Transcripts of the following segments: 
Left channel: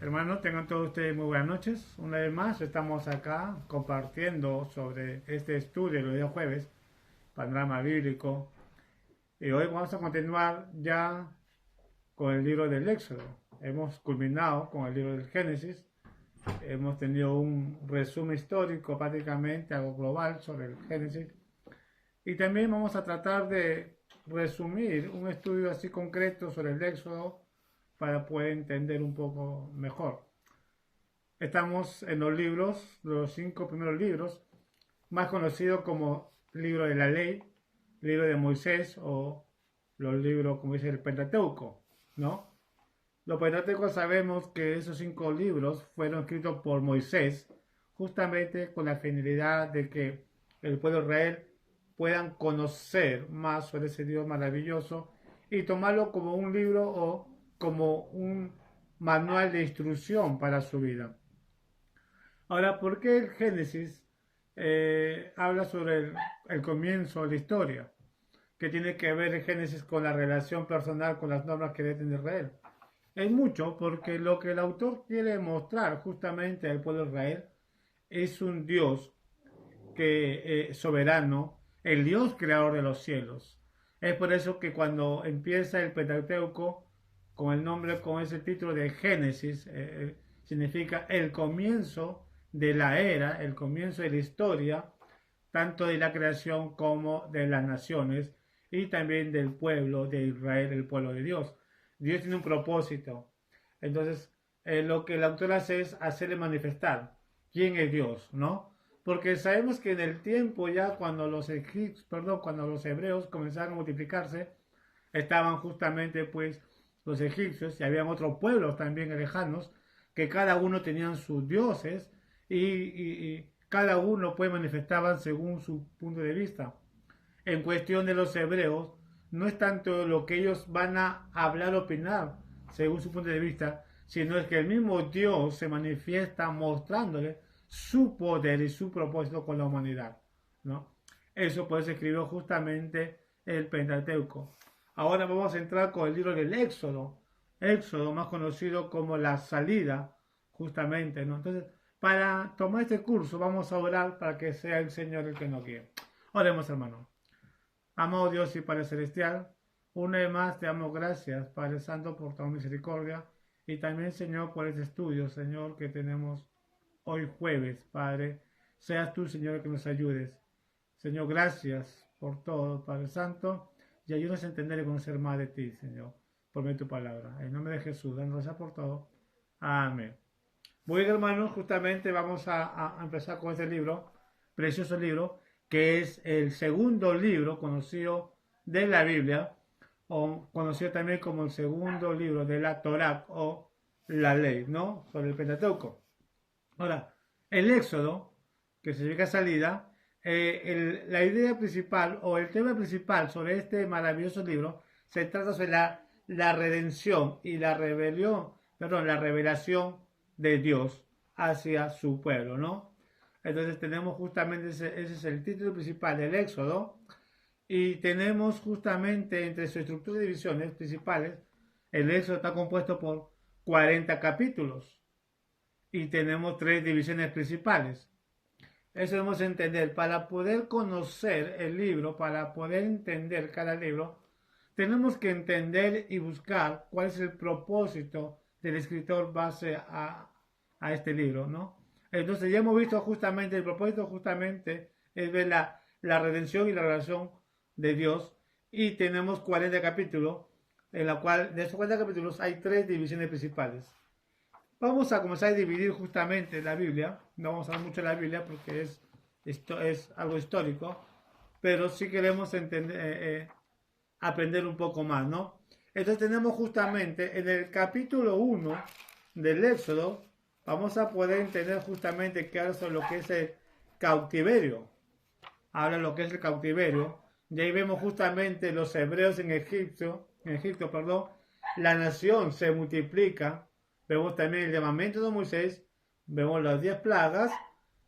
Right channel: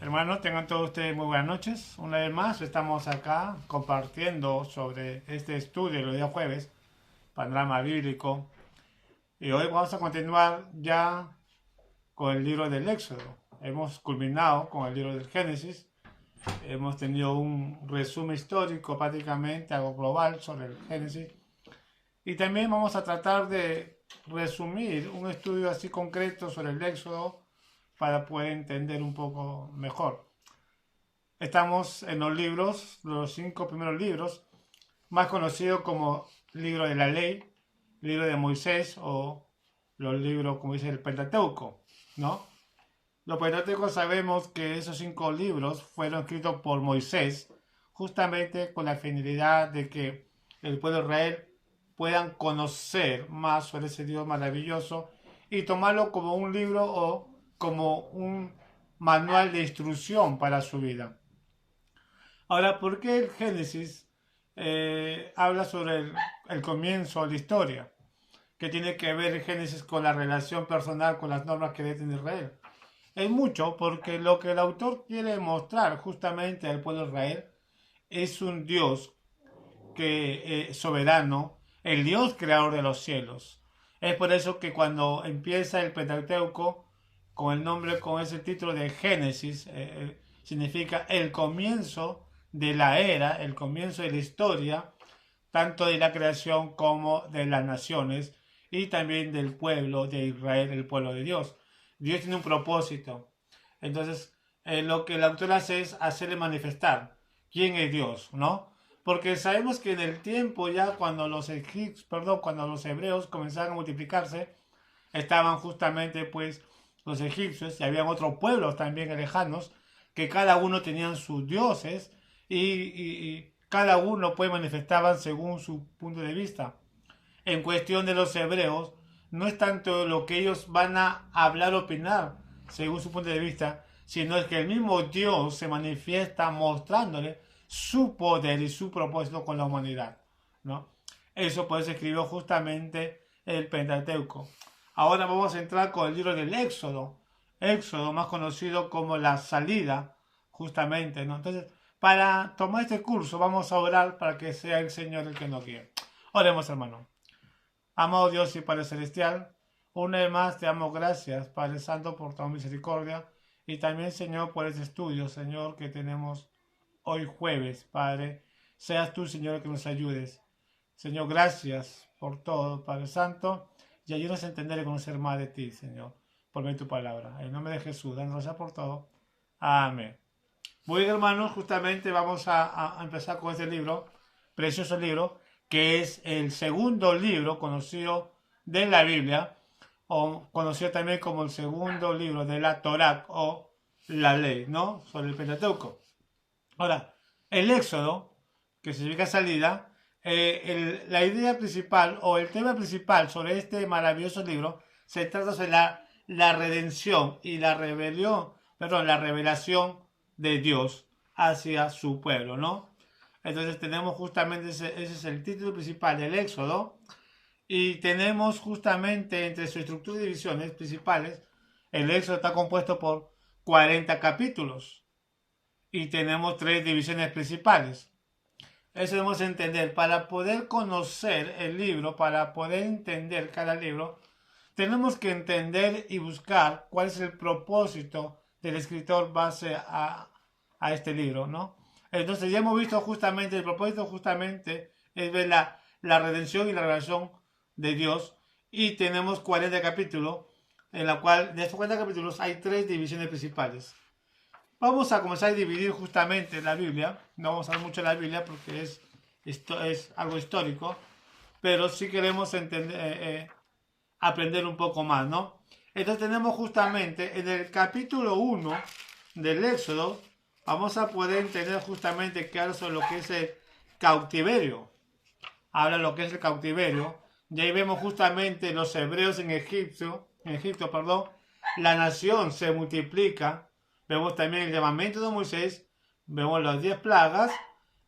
Hermanos, tengan todos ustedes muy buenas noches. Una vez más estamos acá compartiendo sobre este estudio los días jueves, panorama bíblico. Y hoy vamos a continuar ya con el libro del Éxodo. Hemos culminado con el libro del Génesis. Hemos tenido un resumen histórico prácticamente, algo global sobre el Génesis. Y también vamos a tratar de resumir un estudio así concreto sobre el Éxodo para poder entender un poco mejor. Estamos en los 5 primeros libros, más conocidos como libro de la ley, libro de Moisés o los libros, como dice el Pentateuco, ¿no? Los Pentateucos sabemos que esos 5 libros fueron escritos por Moisés justamente con la finalidad de que el pueblo de Israel puedan conocer más sobre ese Dios maravilloso y tomarlo como un libro o como un manual de instrucción para su vida. Ahora, ¿por qué el Génesis habla sobre el comienzo de la historia? ¿Qué tiene que ver el Génesis con la relación personal con las normas que debe tener Israel? Es mucho porque lo que el autor quiere mostrar justamente al pueblo de Israel es un Dios que soberano, el Dios creador de los cielos. Es por eso que cuando empieza el Pentateuco con el nombre, con ese título de Génesis, significa el comienzo de la era, el comienzo de la historia, tanto de la creación como de las naciones y también del pueblo de Israel, el pueblo de Dios. Dios tiene un propósito. Entonces, lo que el autor hace es hacerle manifestar quién es Dios, ¿no? Porque sabemos que en el tiempo ya cuando cuando los hebreos comenzaron a multiplicarse, estaban justamente pues los egipcios y habían otros pueblos también lejanos que cada uno tenían sus dioses y cada uno pues manifestaban según su punto de vista. En cuestión de los hebreos, no es tanto lo que ellos van a hablar o opinar según su punto de vista, sino es que el mismo Dios se manifiesta mostrándole su poder y su propósito con la humanidad, ¿no? Eso pues escribió justamente el Pentateuco. Ahora vamos a entrar con el libro del Éxodo, Éxodo más conocido como la salida, justamente, ¿no? Entonces, para tomar este curso vamos a orar para que sea el Señor el que nos guíe. Oremos, hermano. Amado Dios y Padre Celestial, una vez más te damos gracias, Padre Santo, por tu misericordia y también, Señor, por este estudio, Señor, que tenemos hoy jueves, Padre. Seas tú, Señor, el que nos ayudes. Señor, gracias por todo, Padre Santo, y ayúdanos a entender y conocer más de ti, Señor, por medio de tu palabra. En nombre de Jesús, danos gracias por todo. Amén. Muy bien, hermanos, justamente vamos a empezar con este libro, precioso libro, que es el segundo libro conocido de la Biblia, o conocido también como el segundo libro de la Torá o la ley, ¿no? Sobre el Pentateuco. Ahora, el Éxodo, que significa salida, la idea principal o el tema principal sobre este maravilloso libro se trata sobre la redención y la rebelión, perdón, la revelación de Dios hacia su pueblo, ¿no? Entonces tenemos justamente ese es el título principal del Éxodo y tenemos justamente entre su estructura y divisiones principales, el Éxodo está compuesto por 40 capítulos y tenemos 3 divisiones principales. Eso debemos entender. Para poder conocer el libro, para poder entender cada libro, tenemos que entender y buscar cuál es el propósito del escritor base a este libro, ¿no? Entonces ya hemos visto justamente, el propósito justamente es ver la redención y la revelación de Dios y tenemos 40 capítulos, en la cual de estos 40 capítulos hay 3 divisiones principales. Vamos a comenzar a dividir justamente la Biblia, no vamos a hablar mucho de la Biblia porque esto es algo histórico, pero sí queremos entender, aprender un poco más, ¿no? Entonces tenemos justamente en el capítulo 1 del Éxodo, vamos a poder entender justamente que habla sobre lo que es el cautiverio. Habla de lo que es el cautiverio. Y ahí vemos justamente los hebreos en Egipto, perdón, la nación se multiplica. Vemos también el llamamiento de Moisés, vemos las 10 plagas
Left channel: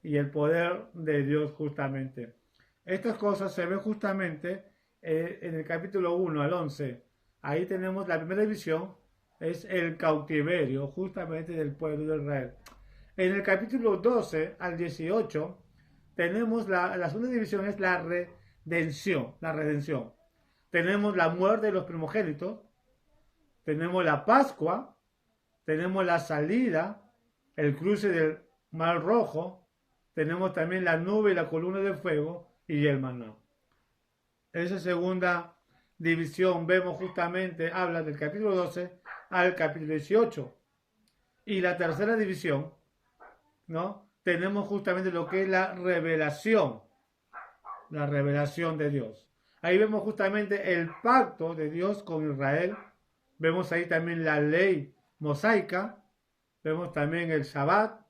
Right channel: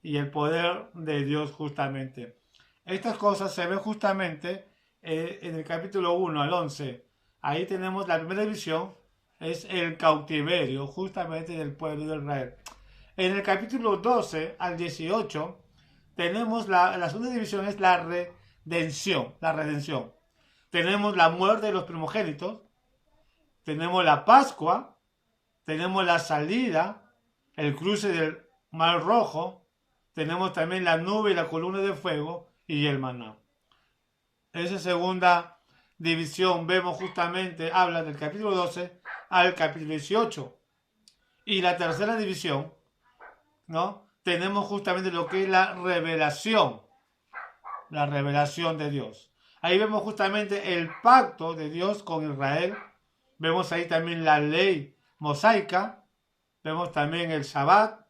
y el poder de Dios justamente. Estas cosas se ven justamente en el capítulo 1 al 11. Ahí tenemos la primera división, es el cautiverio justamente del pueblo de Israel. En el capítulo 12 al 18 tenemos la segunda división, es la redención, Tenemos la muerte de los primogénitos, tenemos la Pascua, tenemos la salida, el cruce del Mar Rojo, tenemos también la nube y la columna de fuego y el maná. Esa segunda división vemos justamente, habla del capítulo 12 al capítulo 18. Y la tercera división, ¿no? Tenemos justamente lo que es la revelación de Dios. Ahí vemos justamente el pacto de Dios con Israel. Vemos ahí también la ley mosaica. Vemos también el Shabbat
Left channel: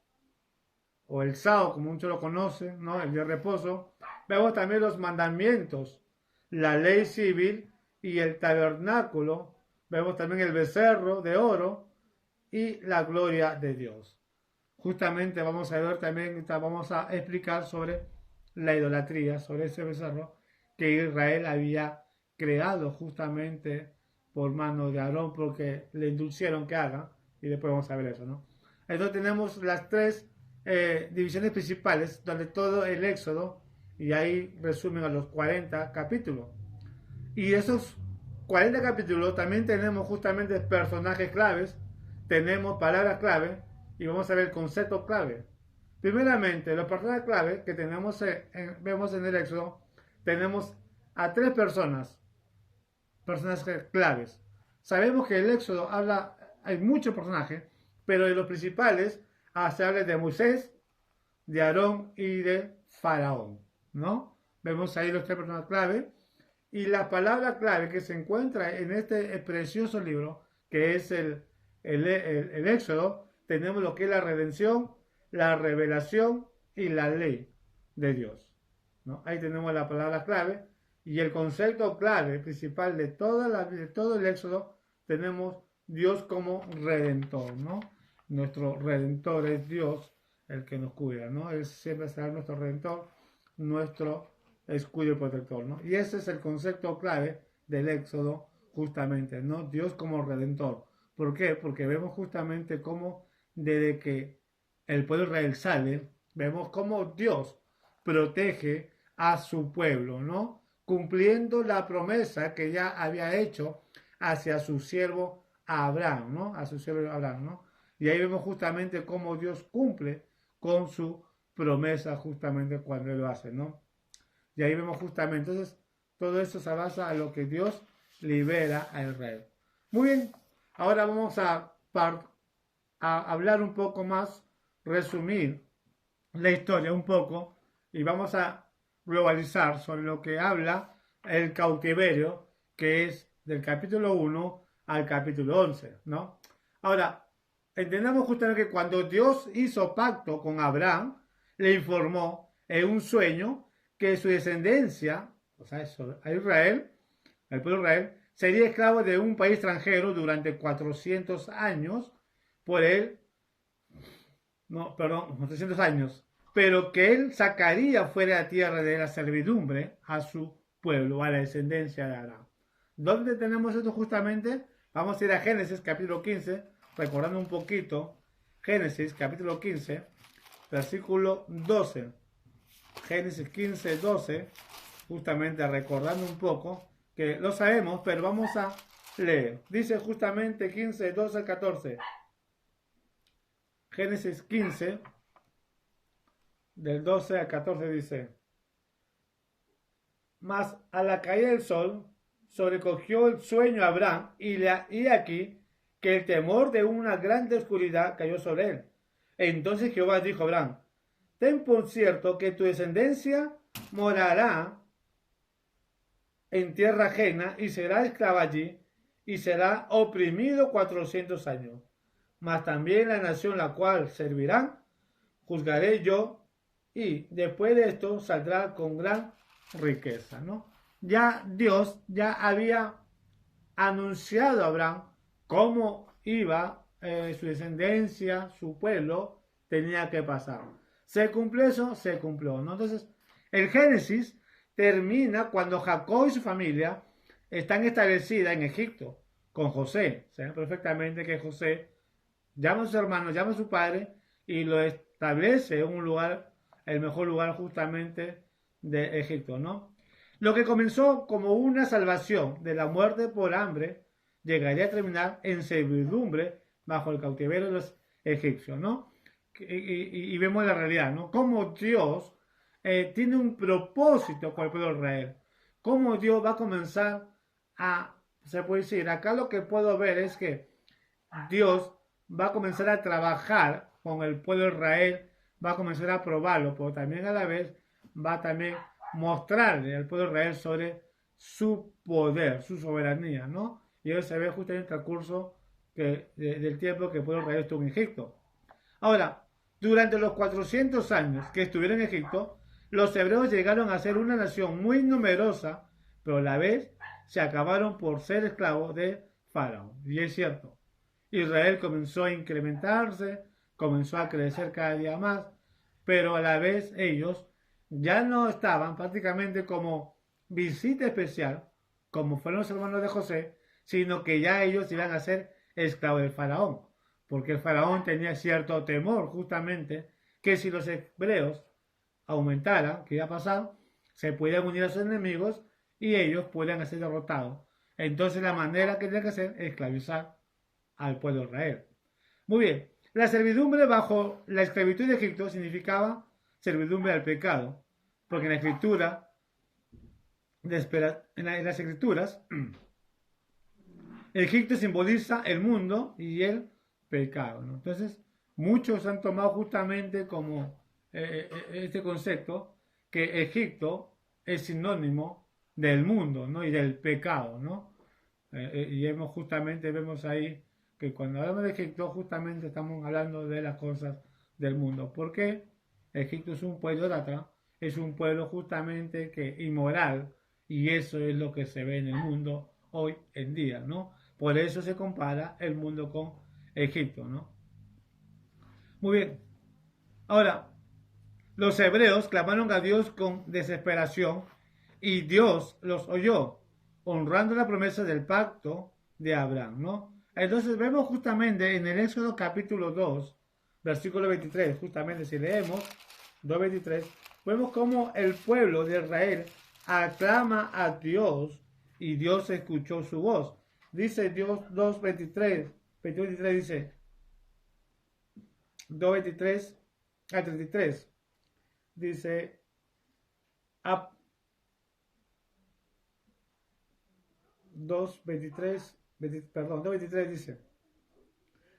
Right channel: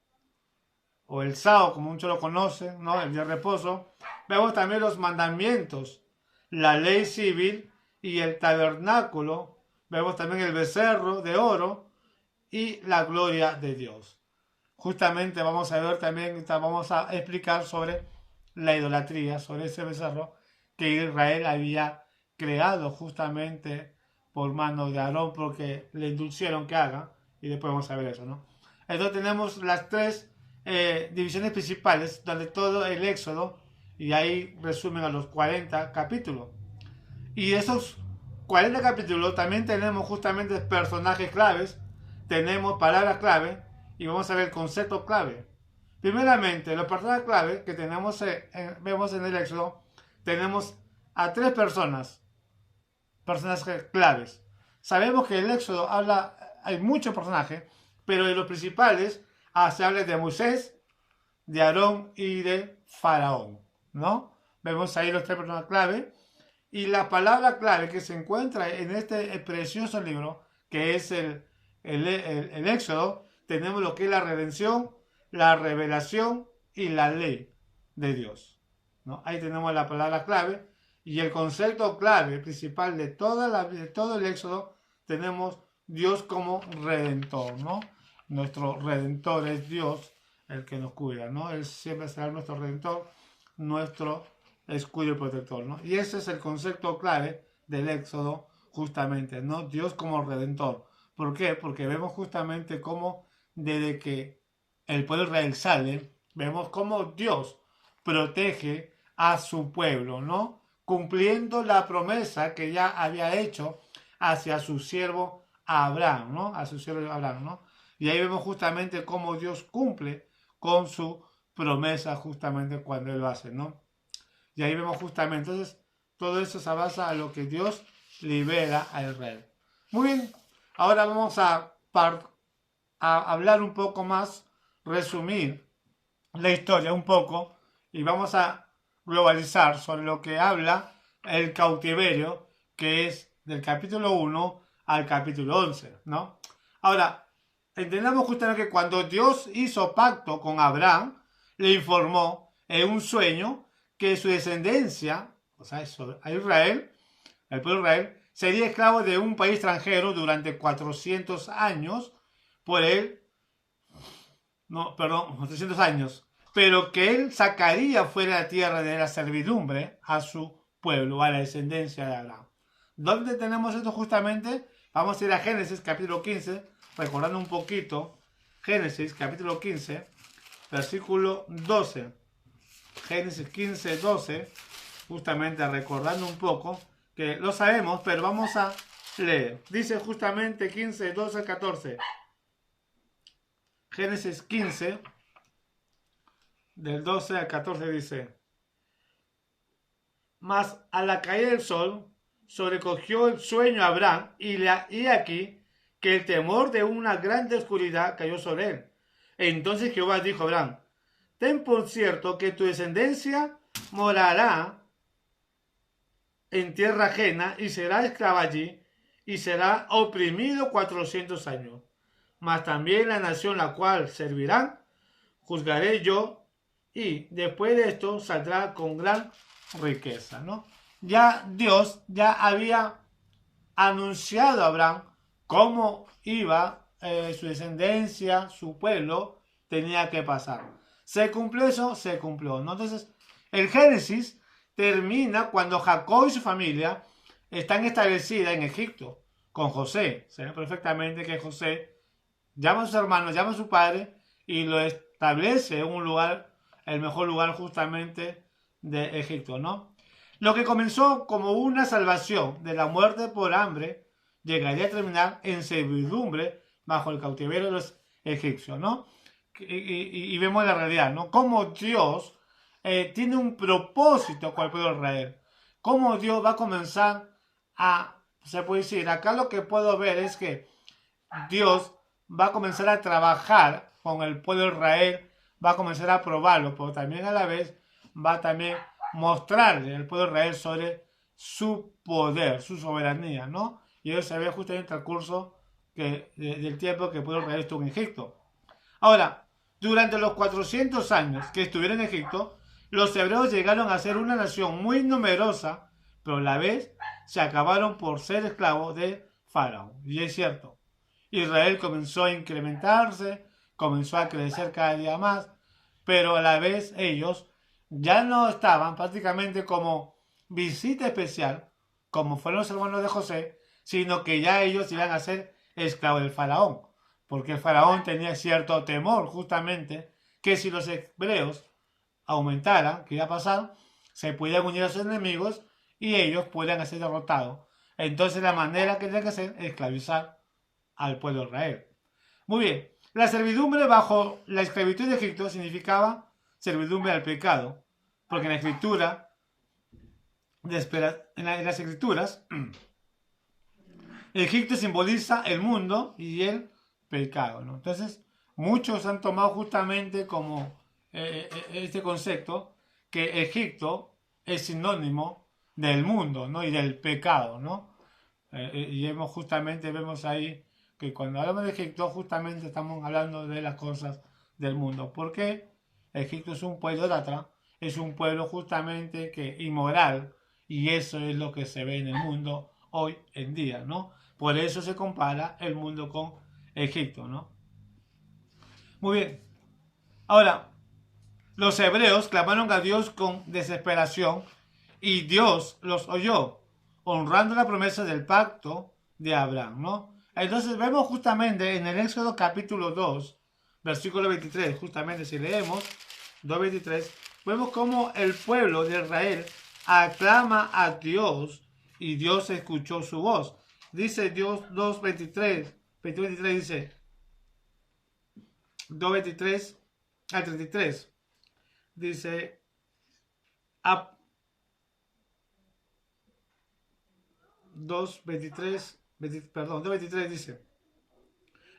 o el sábado, como muchos lo conocen, ¿no? El día de reposo. Vemos también los mandamientos, la ley civil y el tabernáculo. Vemos también el becerro de oro y la gloria de Dios. Justamente vamos a ver también, vamos a explicar sobre la idolatría, sobre ese becerro que Israel había creado justamente por mano de Aarón, porque le indulcieron que haga, y después vamos a ver eso, ¿no? Entonces tenemos las tres divisiones principales, donde todo el Éxodo, y ahí resumen a los 40 capítulos. Y esos 40 capítulos también tenemos justamente personajes claves, tenemos palabras clave, y vamos a ver el concepto clave. Primeramente, los personajes clave que tenemos vemos en el Éxodo, tenemos a tres personas claves. Sabemos que el Éxodo hay muchos personajes, pero de los principales se habla de Moisés, de Aarón y de Faraón, ¿no? Vemos ahí los tres personajes clave. Y la palabra clave que se encuentra en este precioso libro, que es el Éxodo, tenemos lo que es la redención, la revelación y la ley de Dios, ¿no? Ahí tenemos la palabra clave y el concepto clave principal de todo el Éxodo. Tenemos Dios como redentor, ¿no? Nuestro redentor es Dios, el que nos cuida, ¿no? Él siempre será nuestro redentor, nuestro escudo y protector, ¿no? Y ese es el concepto clave del Éxodo, justamente, ¿no? Dios como redentor. ¿Por qué? Porque vemos justamente cómo desde que el pueblo de Israel sale, vemos cómo Dios protege a su pueblo, ¿no? Cumpliendo la promesa que ya había hecho hacia su siervo Abraham, ¿no? A su siervo Abraham, ¿no? Y ahí vemos justamente cómo Dios cumple con su promesa justamente cuando Él lo hace, ¿no? Y ahí vemos justamente, entonces, todo eso se basa en lo que Dios libera a Israel. Muy bien, ahora vamos a hablar un poco más, resumir la historia un poco, y vamos a globalizar sobre lo que habla el cautiverio, que es del capítulo 1 al capítulo 11, ¿no? Ahora, entendamos justamente que cuando Dios hizo pacto con Abraham, le informó en un sueño que su descendencia, o sea, a Israel, el pueblo de Israel, sería esclavo de un país extranjero durante 400 años, por él, 400 años, pero que él sacaría fuera de la tierra de la servidumbre a su pueblo, a la descendencia de Abraham. ¿Dónde tenemos esto justamente? Vamos a ir a Génesis capítulo 15, recordando un poquito, Génesis capítulo 15, versículo 12. Génesis 15, 12, justamente recordando un poco, que lo sabemos, pero vamos a leer. Dice justamente 15, 12 al 14. Génesis 15, del 12 al 14 dice: Mas a la caída del sol sobrecogió el sueño a Abraham, y aquí que el temor de una grande oscuridad cayó sobre él. Entonces Jehová dijo a Abraham: Ten por cierto que tu descendencia morará en tierra ajena y será esclava allí y será oprimido 400 años. Mas también la nación la cual servirán, juzgaré yo, y después de esto saldrá con gran riqueza, ¿no? Ya Dios ya había anunciado a Abraham cómo iba su descendencia, su pueblo, tenía que pasar. ¿Se cumplió eso? Se cumplió, ¿no? Entonces, el Génesis termina cuando Jacob y su familia están establecidas en Egipto. con José. Se ve perfectamente que José llama a sus hermanos, llama a su padre y lo establece en un lugar, el mejor lugar justamente de Egipto, ¿no? Lo que comenzó como una salvación de la muerte por hambre llegaría a terminar en servidumbre bajo el cautiverio de los egipcios, ¿no? Y vemos la realidad, ¿no? Cómo Dios tiene un propósito con el pueblo de Israel. Cómo Dios va a comenzar a, se puede decir, acá lo que puedo ver es que Dios va a comenzar a trabajar con el pueblo de Israel, va a comenzar a probarlo, pero también a la vez va a también mostrarle al pueblo de Israel sobre su poder, su soberanía, ¿no? Y eso se ve justo en el transcurso del tiempo que el pueblo de Israel estuvo en Egipto. Ahora, durante los 400 años que estuvieron en Egipto, los hebreos llegaron a ser una nación muy numerosa, pero a la vez se acabaron por ser esclavos de Faraón. Y es cierto, Israel comenzó a incrementarse, comenzó a crecer cada día más, pero a la vez ellos ya no estaban prácticamente como visita especial, como fueron los hermanos de José, sino que ya ellos iban a ser esclavos del faraón, porque el faraón tenía cierto temor justamente que si los hebreos aumentaran, que iba a pasar, se podían unir a sus enemigos y ellos podían ser derrotados. Entonces la manera que tenían que hacer es esclavizar al pueblo de Israel. Muy bien, la servidumbre bajo la esclavitud de Egipto significaba servidumbre al pecado, porque en la escritura, en las escrituras, Egipto simboliza el mundo y el pecado, ¿no? Entonces, muchos han tomado justamente como este concepto que Egipto es sinónimo del mundo, ¿no? Y del pecado, ¿no? Y vemos ahí que cuando hablamos de Egipto justamente estamos hablando de las cosas del mundo. ¿Por qué? Egipto es un pueblo idólatra, es un pueblo justamente que inmoral, y eso es lo que se ve en el mundo hoy en día, ¿no? Por eso se compara el mundo con Egipto, ¿no? Muy bien. Ahora, los hebreos clamaron a Dios con desesperación y Dios los oyó, honrando la promesa del pacto de Abraham, ¿no? Entonces vemos justamente en el Éxodo capítulo 2, versículo 23, justamente si leemos 2.23, vemos cómo el pueblo de Israel aclama a Dios y Dios escuchó su voz. Dice Dios 2.23, 23 dice 2.23 al 33, dice 2.23 dice:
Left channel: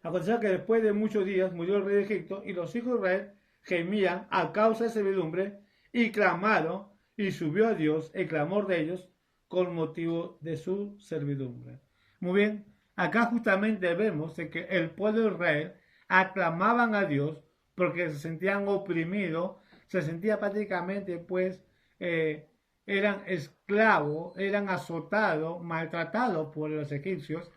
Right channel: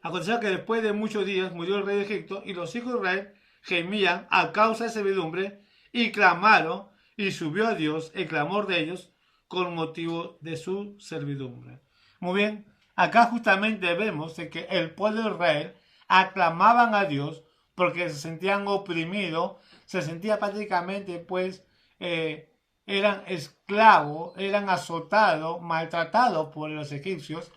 aconteció que después de muchos días murió el rey de Egipto y los hijos de Israel gemían a causa de servidumbre y clamaron y subió a Dios el clamor de ellos con motivo de su servidumbre. Muy bien, acá justamente vemos de que el pueblo de Israel aclamaban a Dios porque se sentían oprimidos, se sentían prácticamente pues eran esclavos, eran azotados, maltratados por los egipcios,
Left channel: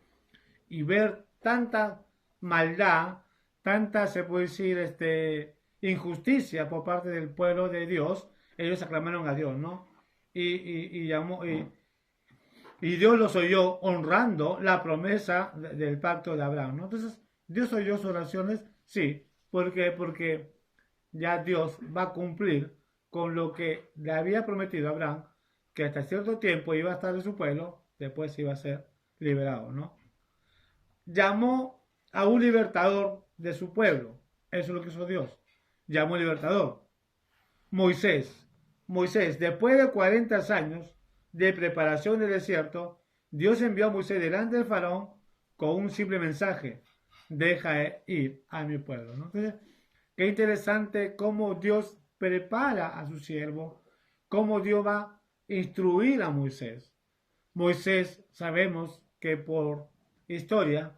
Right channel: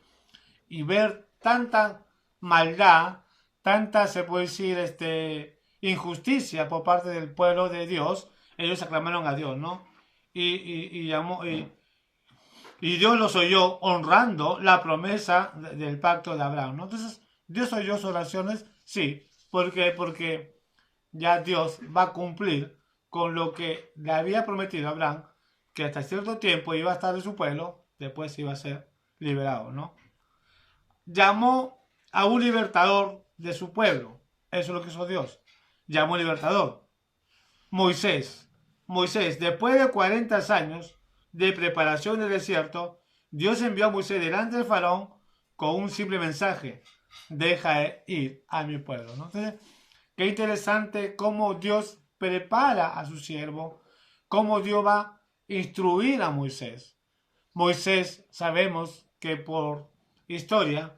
y ver tanta maldad, tanta, se puede decir, injusticia por parte del pueblo de Dios, ellos aclamaron a Dios, ¿no? Y Dios los oyó honrando la promesa del pacto de Abraham, ¿no? Entonces, ¿Dios oyó sus oraciones? Sí. ¿Por qué? Porque ya Dios va a cumplir con lo que le había prometido a Abraham, que hasta cierto tiempo iba a estar en su pueblo, después iba a ser liberado, ¿no? Llamó a un libertador de su pueblo. Eso es lo que hizo Dios. Llamó un libertador. Moisés. Moisés, después de 40 años de preparación del desierto, Dios envió a Moisés delante del faraón con un simple mensaje: deja ir a mi pueblo, ¿no? Entonces, qué interesante cómo Dios prepara a su siervo, cómo Dios va a instruir a Moisés. Moisés, sabemos que por historia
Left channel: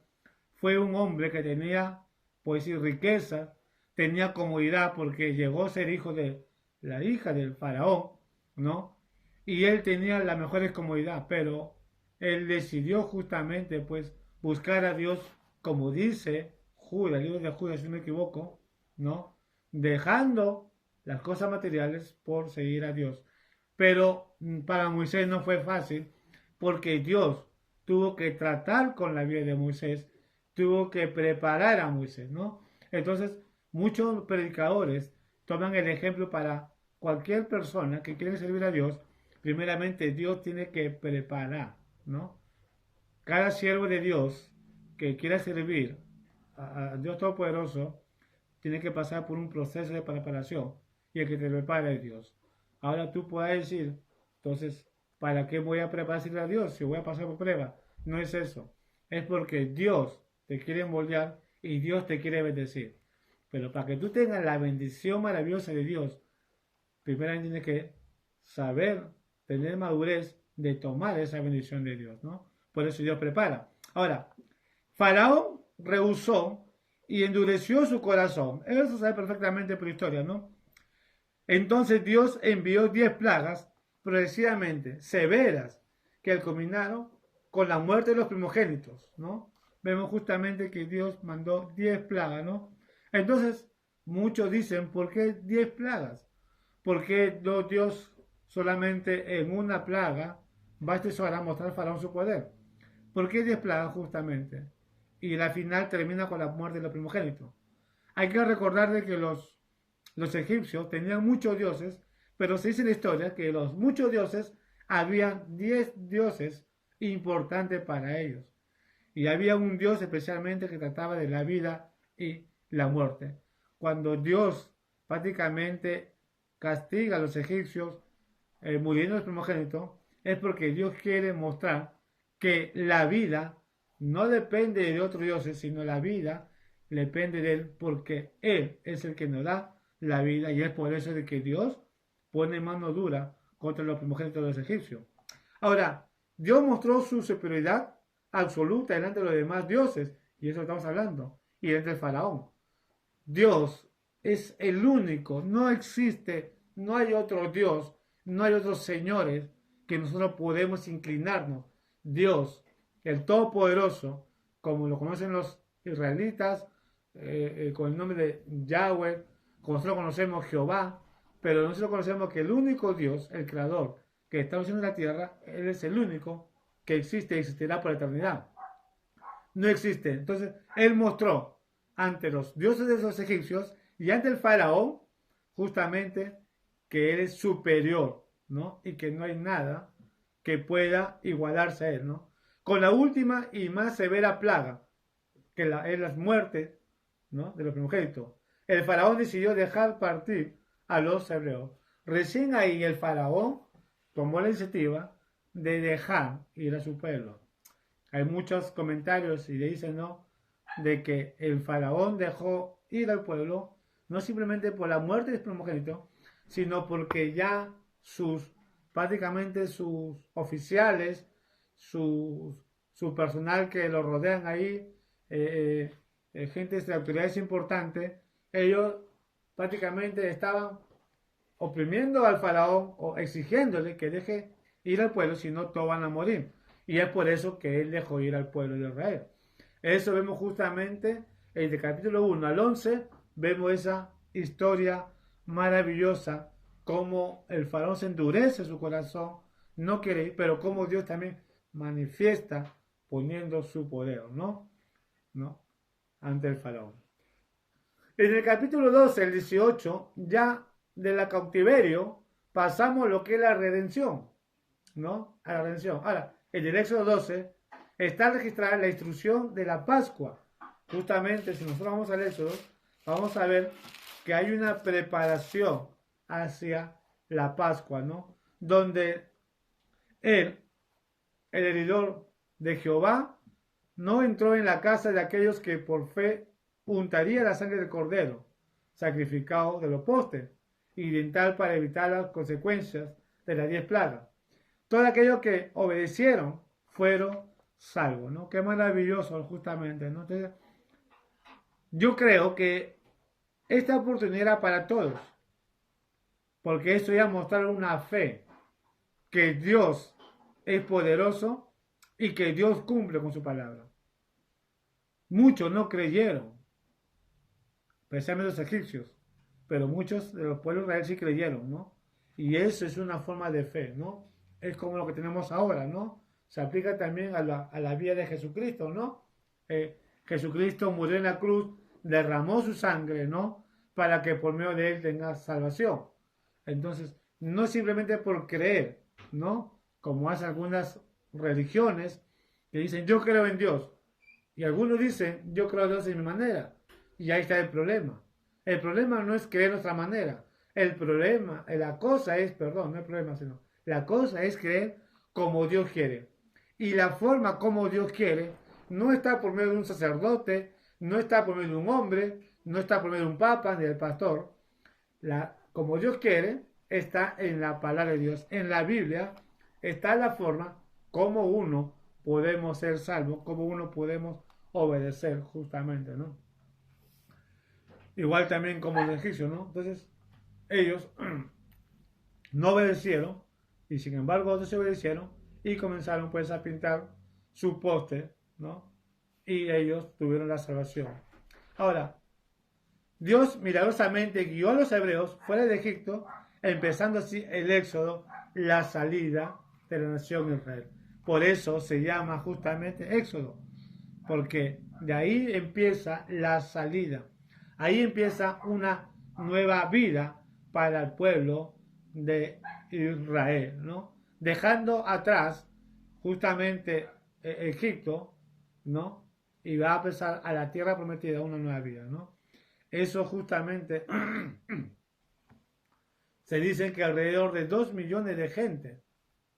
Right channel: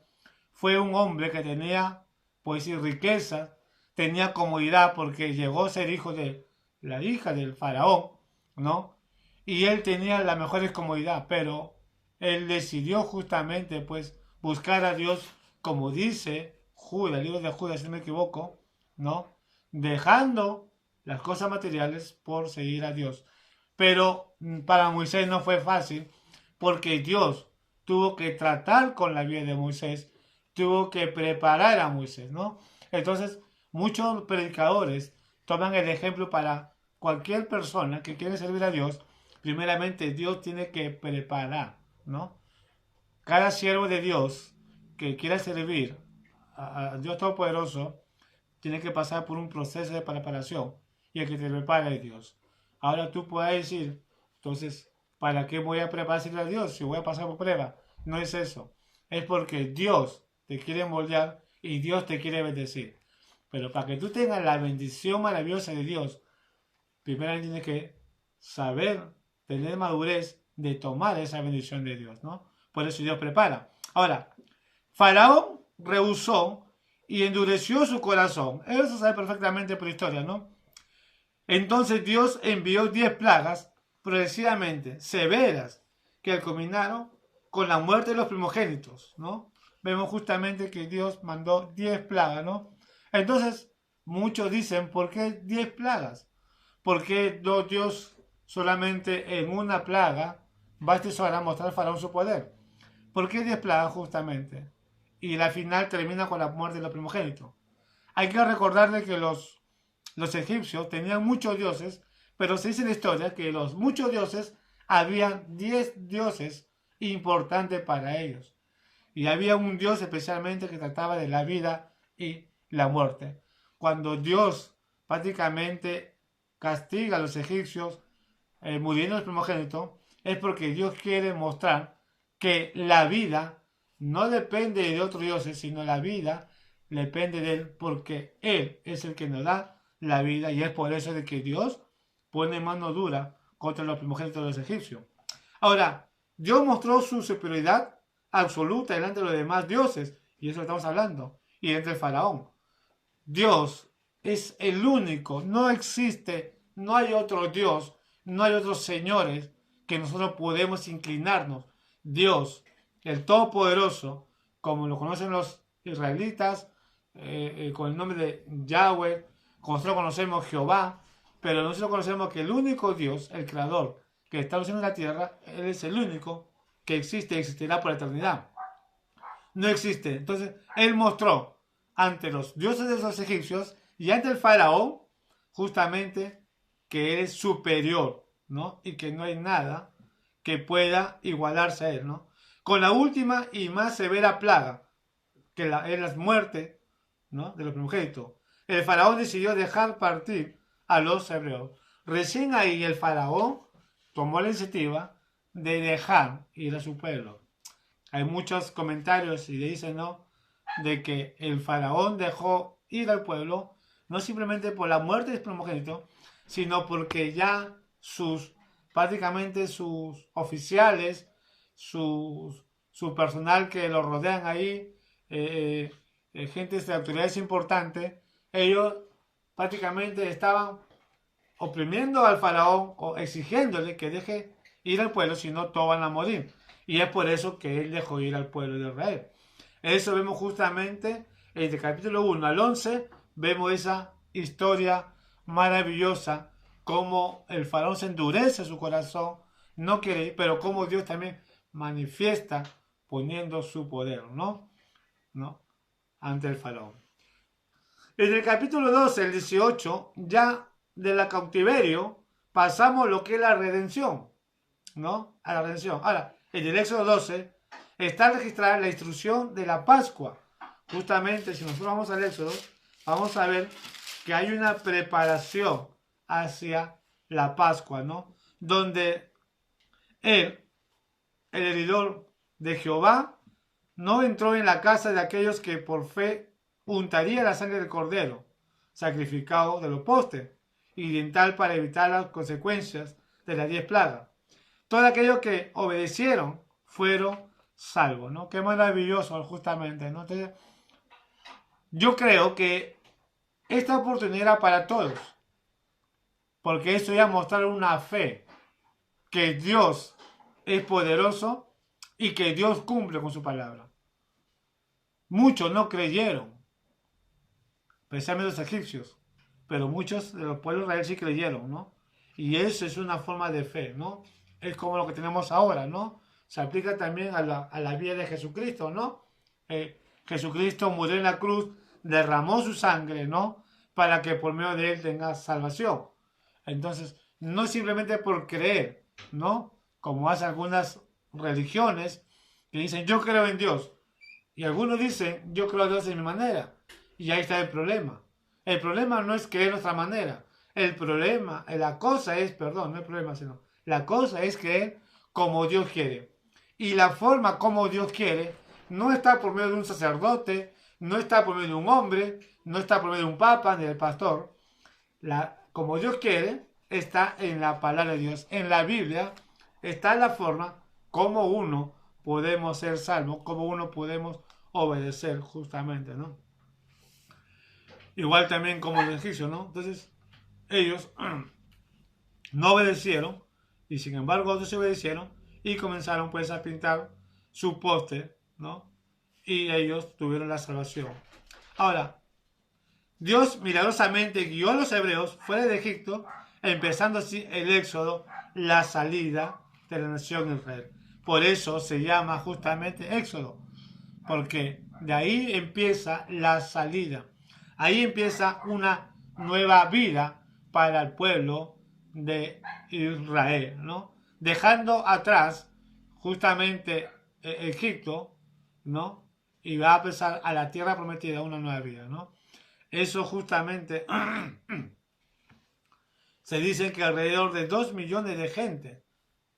fue un hombre que tenía, pues, riqueza, tenía comodidad porque llegó a ser hijo de la hija del faraón, ¿no? Y él tenía la mejor comodidad, pero él decidió justamente, pues, buscar a Dios, como dice Judas, el libro de Judas, si no me equivoco, ¿no? Dejando las cosas materiales por seguir a Dios. Pero para Moisés no fue fácil, porque Dios tuvo que tratar con la vida de Moisés, tuvo que preparar a Moisés, ¿no? Entonces, muchos predicadores toman el ejemplo para cualquier persona que quiere servir a Dios. Primeramente, Dios tiene que preparar, ¿no? Cada siervo de Dios que quiera servir a Dios Todopoderoso tiene que pasar por un proceso de preparación, y el que te prepara es Dios. Ahora tú puedes decir, entonces, ¿para qué voy a prepararse a Dios si voy a pasar por prueba? No es eso. Es porque Dios te quiere moldear y Dios te quiere bendecir. Pero para que tú tengas la bendición maravillosa de Dios, primero tienes que saber, tener madurez de tomar esa bendición de Dios, ¿no? Por eso Dios prepara. Ahora, Faraón rehusó y endureció su corazón. Eso se sabe perfectamente por historia, ¿no? Entonces Dios envió 10 plagas progresivamente severas que culminaron con la muerte de los primogénitos, ¿no? Vemos justamente que Dios mandó 10 plagas, ¿no? Entonces, muchos dicen, ¿por qué 10 plagas? ¿Por qué no Dios solamente en una plaga basta para mostrar al Faraón su poder? ¿Por qué 10 plagas justamente? Y la final termina con la muerte de los primogénitos. Hay que recordar de que los egipcios tenían muchos dioses, pero se dice en la historia que los muchos dioses, habían 10 dioses importantes para ellos. Y había un dios especialmente que trataba de la vida y la muerte. Cuando Dios prácticamente castiga a los egipcios muriendo los primogénitos, es porque Dios quiere mostrar que la vida no depende de otros dioses, sino la vida depende de Él, porque Él es el que nos da la vida, y es por eso de que Dios pone mano dura contra los primogénitos de los egipcios. Ahora, Dios mostró su superioridad absoluta delante de los demás dioses, y eso estamos hablando, y delante del faraón. Dios es el único, no existe, no hay otro Dios, no hay otros señores que nosotros podemos inclinarnos. Dios, el Todopoderoso, como lo conocen los israelitas, con el nombre de Yahweh, como nosotros conocemos Jehová, pero nosotros conocemos que el único Dios, el Creador, que está en la tierra, Él es el único que existe y existirá por la eternidad. No existe. Entonces, Él mostró ante los dioses de los egipcios y ante el faraón, justamente, que Él es superior, ¿no? Y que no hay nada que pueda igualarse a Él, ¿no? Con la última y más severa plaga, que es la muerte, ¿no?, de los primogénitos, el faraón decidió dejar partir a los hebreos. Recién ahí el faraón tomó la iniciativa de dejar ir a su pueblo. Hay muchos comentarios y le dicen, ¿no?, de que el faraón dejó ir al pueblo no simplemente por la muerte de los primogénitos, sino porque ya prácticamente sus oficiales, su personal que lo rodean ahí, gente de autoridades importantes, ellos prácticamente estaban oprimiendo al faraón o exigiéndole que deje ir al pueblo, si no todos van a morir. Y es por eso que él dejó ir al pueblo de Israel. Eso vemos justamente en el capítulo 1 al 11, vemos esa historia maravillosa, cómo el faraón se endurece su corazón, no quiere ir, pero cómo Dios también manifiesta poniendo su poder, ¿no? Ante el faraón. En el capítulo 12, el 18, ya de la cautiverio, pasamos lo que es la redención, ¿no? A la redención. Ahora, en el Éxodo 12 está registrada la instrucción de la Pascua. Justamente, si nosotros vamos al Éxodo, vamos a ver que hay una preparación hacia la Pascua, ¿no? Donde él, el heredor de Jehová, no entró en la casa de aquellos que por fe untaría la sangre del cordero sacrificado de los postes, y en tal para evitar las consecuencias de las 10 plagas. Todos aquellos que obedecieron fueron salvos, ¿no? Qué maravilloso, justamente, ¿no? Entonces, yo creo que esta oportunidad era para todos, porque esto ya mostrar una fe que Dios es poderoso y que Dios cumple con su palabra. Muchos no creyeron, especialmente los egipcios, pero muchos de los pueblos de Israel sí creyeron, ¿no? Y eso es una forma de fe, ¿no? Es como lo que tenemos ahora, ¿no? se aplica también a la vida de Jesucristo, ¿no? Jesucristo murió en la cruz, derramó su sangre, ¿no? Para que por medio de él tenga salvación. Entonces, no simplemente por creer, ¿no? Como hacen algunas religiones que dicen, yo creo en Dios. Y algunos dicen, yo creo en Dios de mi manera. Y ahí está el problema. El problema no es creer nuestra manera. El problema, la cosa es, perdón, no el problema, sino, la cosa es creer como Dios quiere. Y la forma como Dios quiere no está por medio de un sacerdote, no está por medio de un hombre, no está por medio de un papa ni del pastor. Como Dios quiere está en la palabra de Dios. En la Biblia está la forma como uno podemos ser salvos, como uno podemos obedecer justamente, ¿no? Igual también como los egipcios, ¿no? Entonces, ellos no obedecieron y sin embargo otros se obedecieron y comenzaron pues a pintar su póster, ¿no? Y ellos tuvieron la salvación. Ahora, Dios milagrosamente guió a los hebreos fuera de Egipto, empezando así el éxodo, la salida de la nación Israel. Por eso se llama justamente éxodo, porque de ahí empieza la salida. Ahí empieza una nueva vida para el pueblo de Israel, ¿no? Dejando atrás justamente Egipto, ¿no? Y va a empezar a la tierra prometida una nueva vida, ¿no? Eso justamente se dice que alrededor de 2 millones de gente,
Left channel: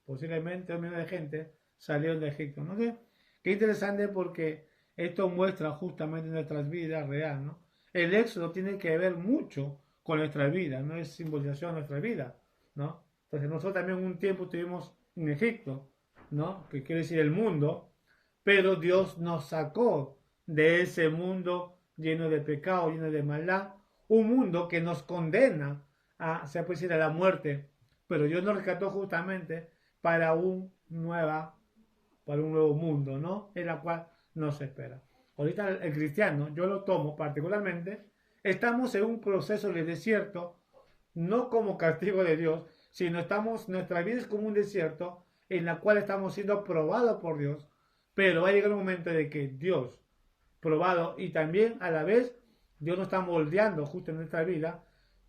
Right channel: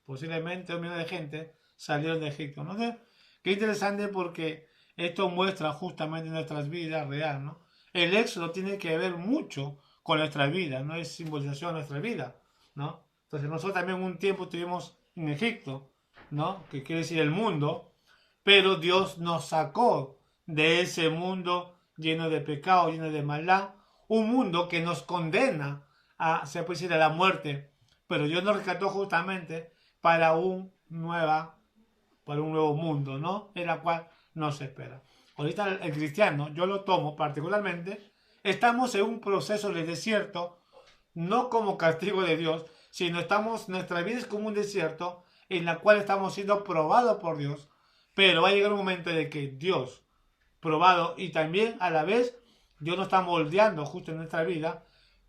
posiblemente 2 millones de gente, salieron de Egipto, ¿no? Qué interesante porque esto muestra justamente nuestras vidas reales, ¿no? El éxodo tiene que ver mucho con nuestra vida, no es simbolización de nuestra vida, ¿no? Entonces nosotros también un tiempo estuvimos en Egipto, ¿no? Que quiere decir el mundo, pero Dios nos sacó de ese mundo lleno de pecado, lleno de maldad, un mundo que nos condena a, se puede decir, a la muerte, pero Dios nos rescató justamente para para un nuevo mundo, ¿no? En la cual nos espera. Ahorita el cristiano, yo lo tomo particularmente, estamos en un proceso de desierto, no como castigo de Dios, sino nuestra vida es como un desierto en la cual estamos siendo probados por Dios, pero va a llegar un momento de que Dios, probado, y también a la vez Dios nos está moldeando justo en nuestra vida,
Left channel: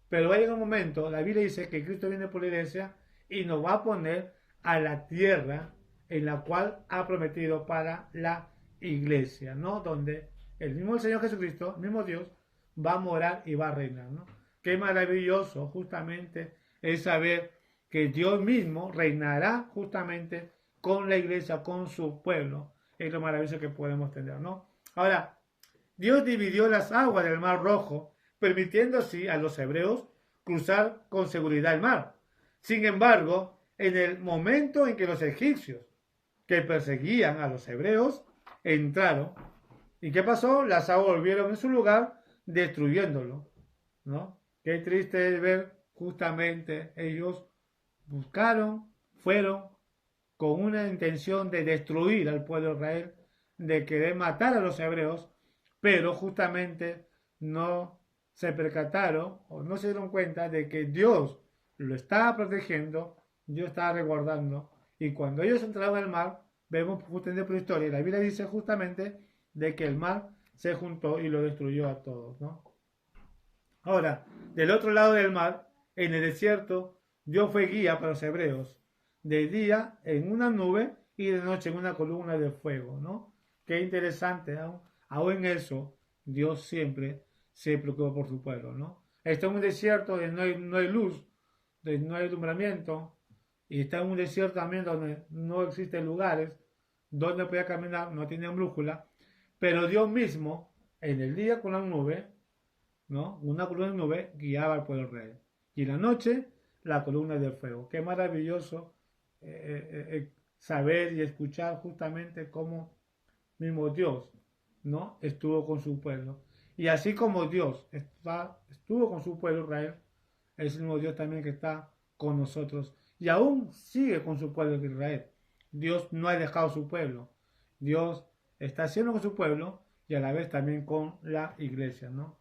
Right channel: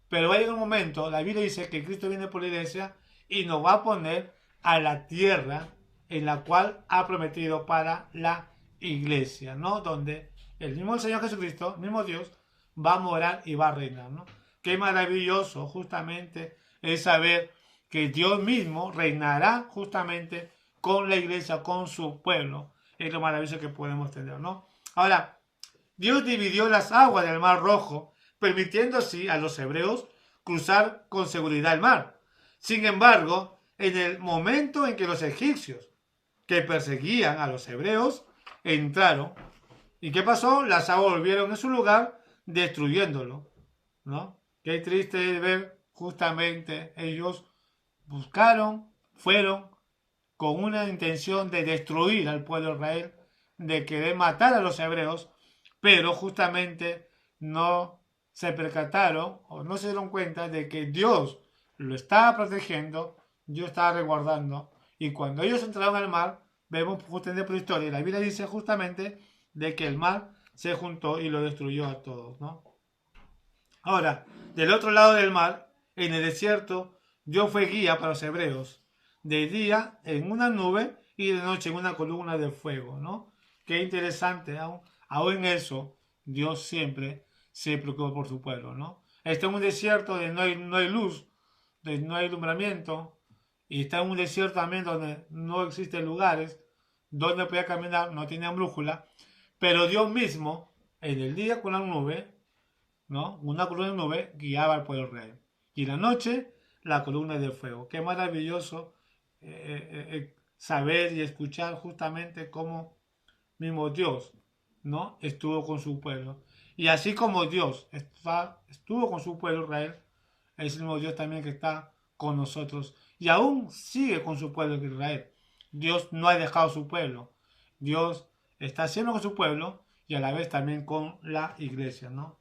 pero va a llegar un momento, la Biblia dice que Cristo viene por la iglesia y nos va a poner a la tierra en la cual ha prometido para la iglesia, ¿no? Donde el mismo Señor Jesucristo, el mismo Dios, va a morar y va a reinar, ¿no? Qué maravilloso justamente es saber que Dios mismo reinará justamente con la iglesia, con su pueblo. Es lo maravilloso que podemos tener, ¿no? Ahora, Dios dividió las aguas del Mar Rojo, permitiendo así a los hebreos cruzar con seguridad el mar. Sin embargo, en el momento en que los egipcios que perseguían a los hebreos entraron, ¿y qué pasó? Las aguas volvieron en su lugar, destruyéndolo, ¿no? Qué triste es ver justamente ellos fueron con una intención de destruir al pueblo de Israel, de querer matar a los hebreos, pero justamente no se percataron o no se dieron cuenta de que Dios lo estaba protegiendo, Dios estaba resguardando, y cuando ellos entraron al mar, vemos justamente por historia, y la Biblia dice justamente de que el mar se juntó y lo destruyó a todos, ¿no? Ahora, del otro lado del mar, en el desierto, Dios fue guía para los hebreos, de día en una nube y de noche en una columna de fuego, ¿no? Qué interesante, aún en eso, Dios siempre se preocupa por su pueblo, ¿no? Está en un desierto donde no hay luz, donde no hay alumbramiento, y está en un desierto también donde no existen lugares donde podía caminar, no tenía brújula, pero Dios mismo, en el día con la nube, ¿no? Una columna de nube guiaba al pueblo rey. Y en la noche, la columna de fuego. Qué maravilloso saber y escuchar justamente cómo mismo Dios, ¿no? Estuvo con su pueblo. Y así como Dios estuvo con su pueblo Israel, es el mismo Dios también que está con nosotros. Y aún sigue con su pueblo Israel. Dios no ha dejado su pueblo. Dios está haciendo con su pueblo y a la vez también con la iglesia, ¿no?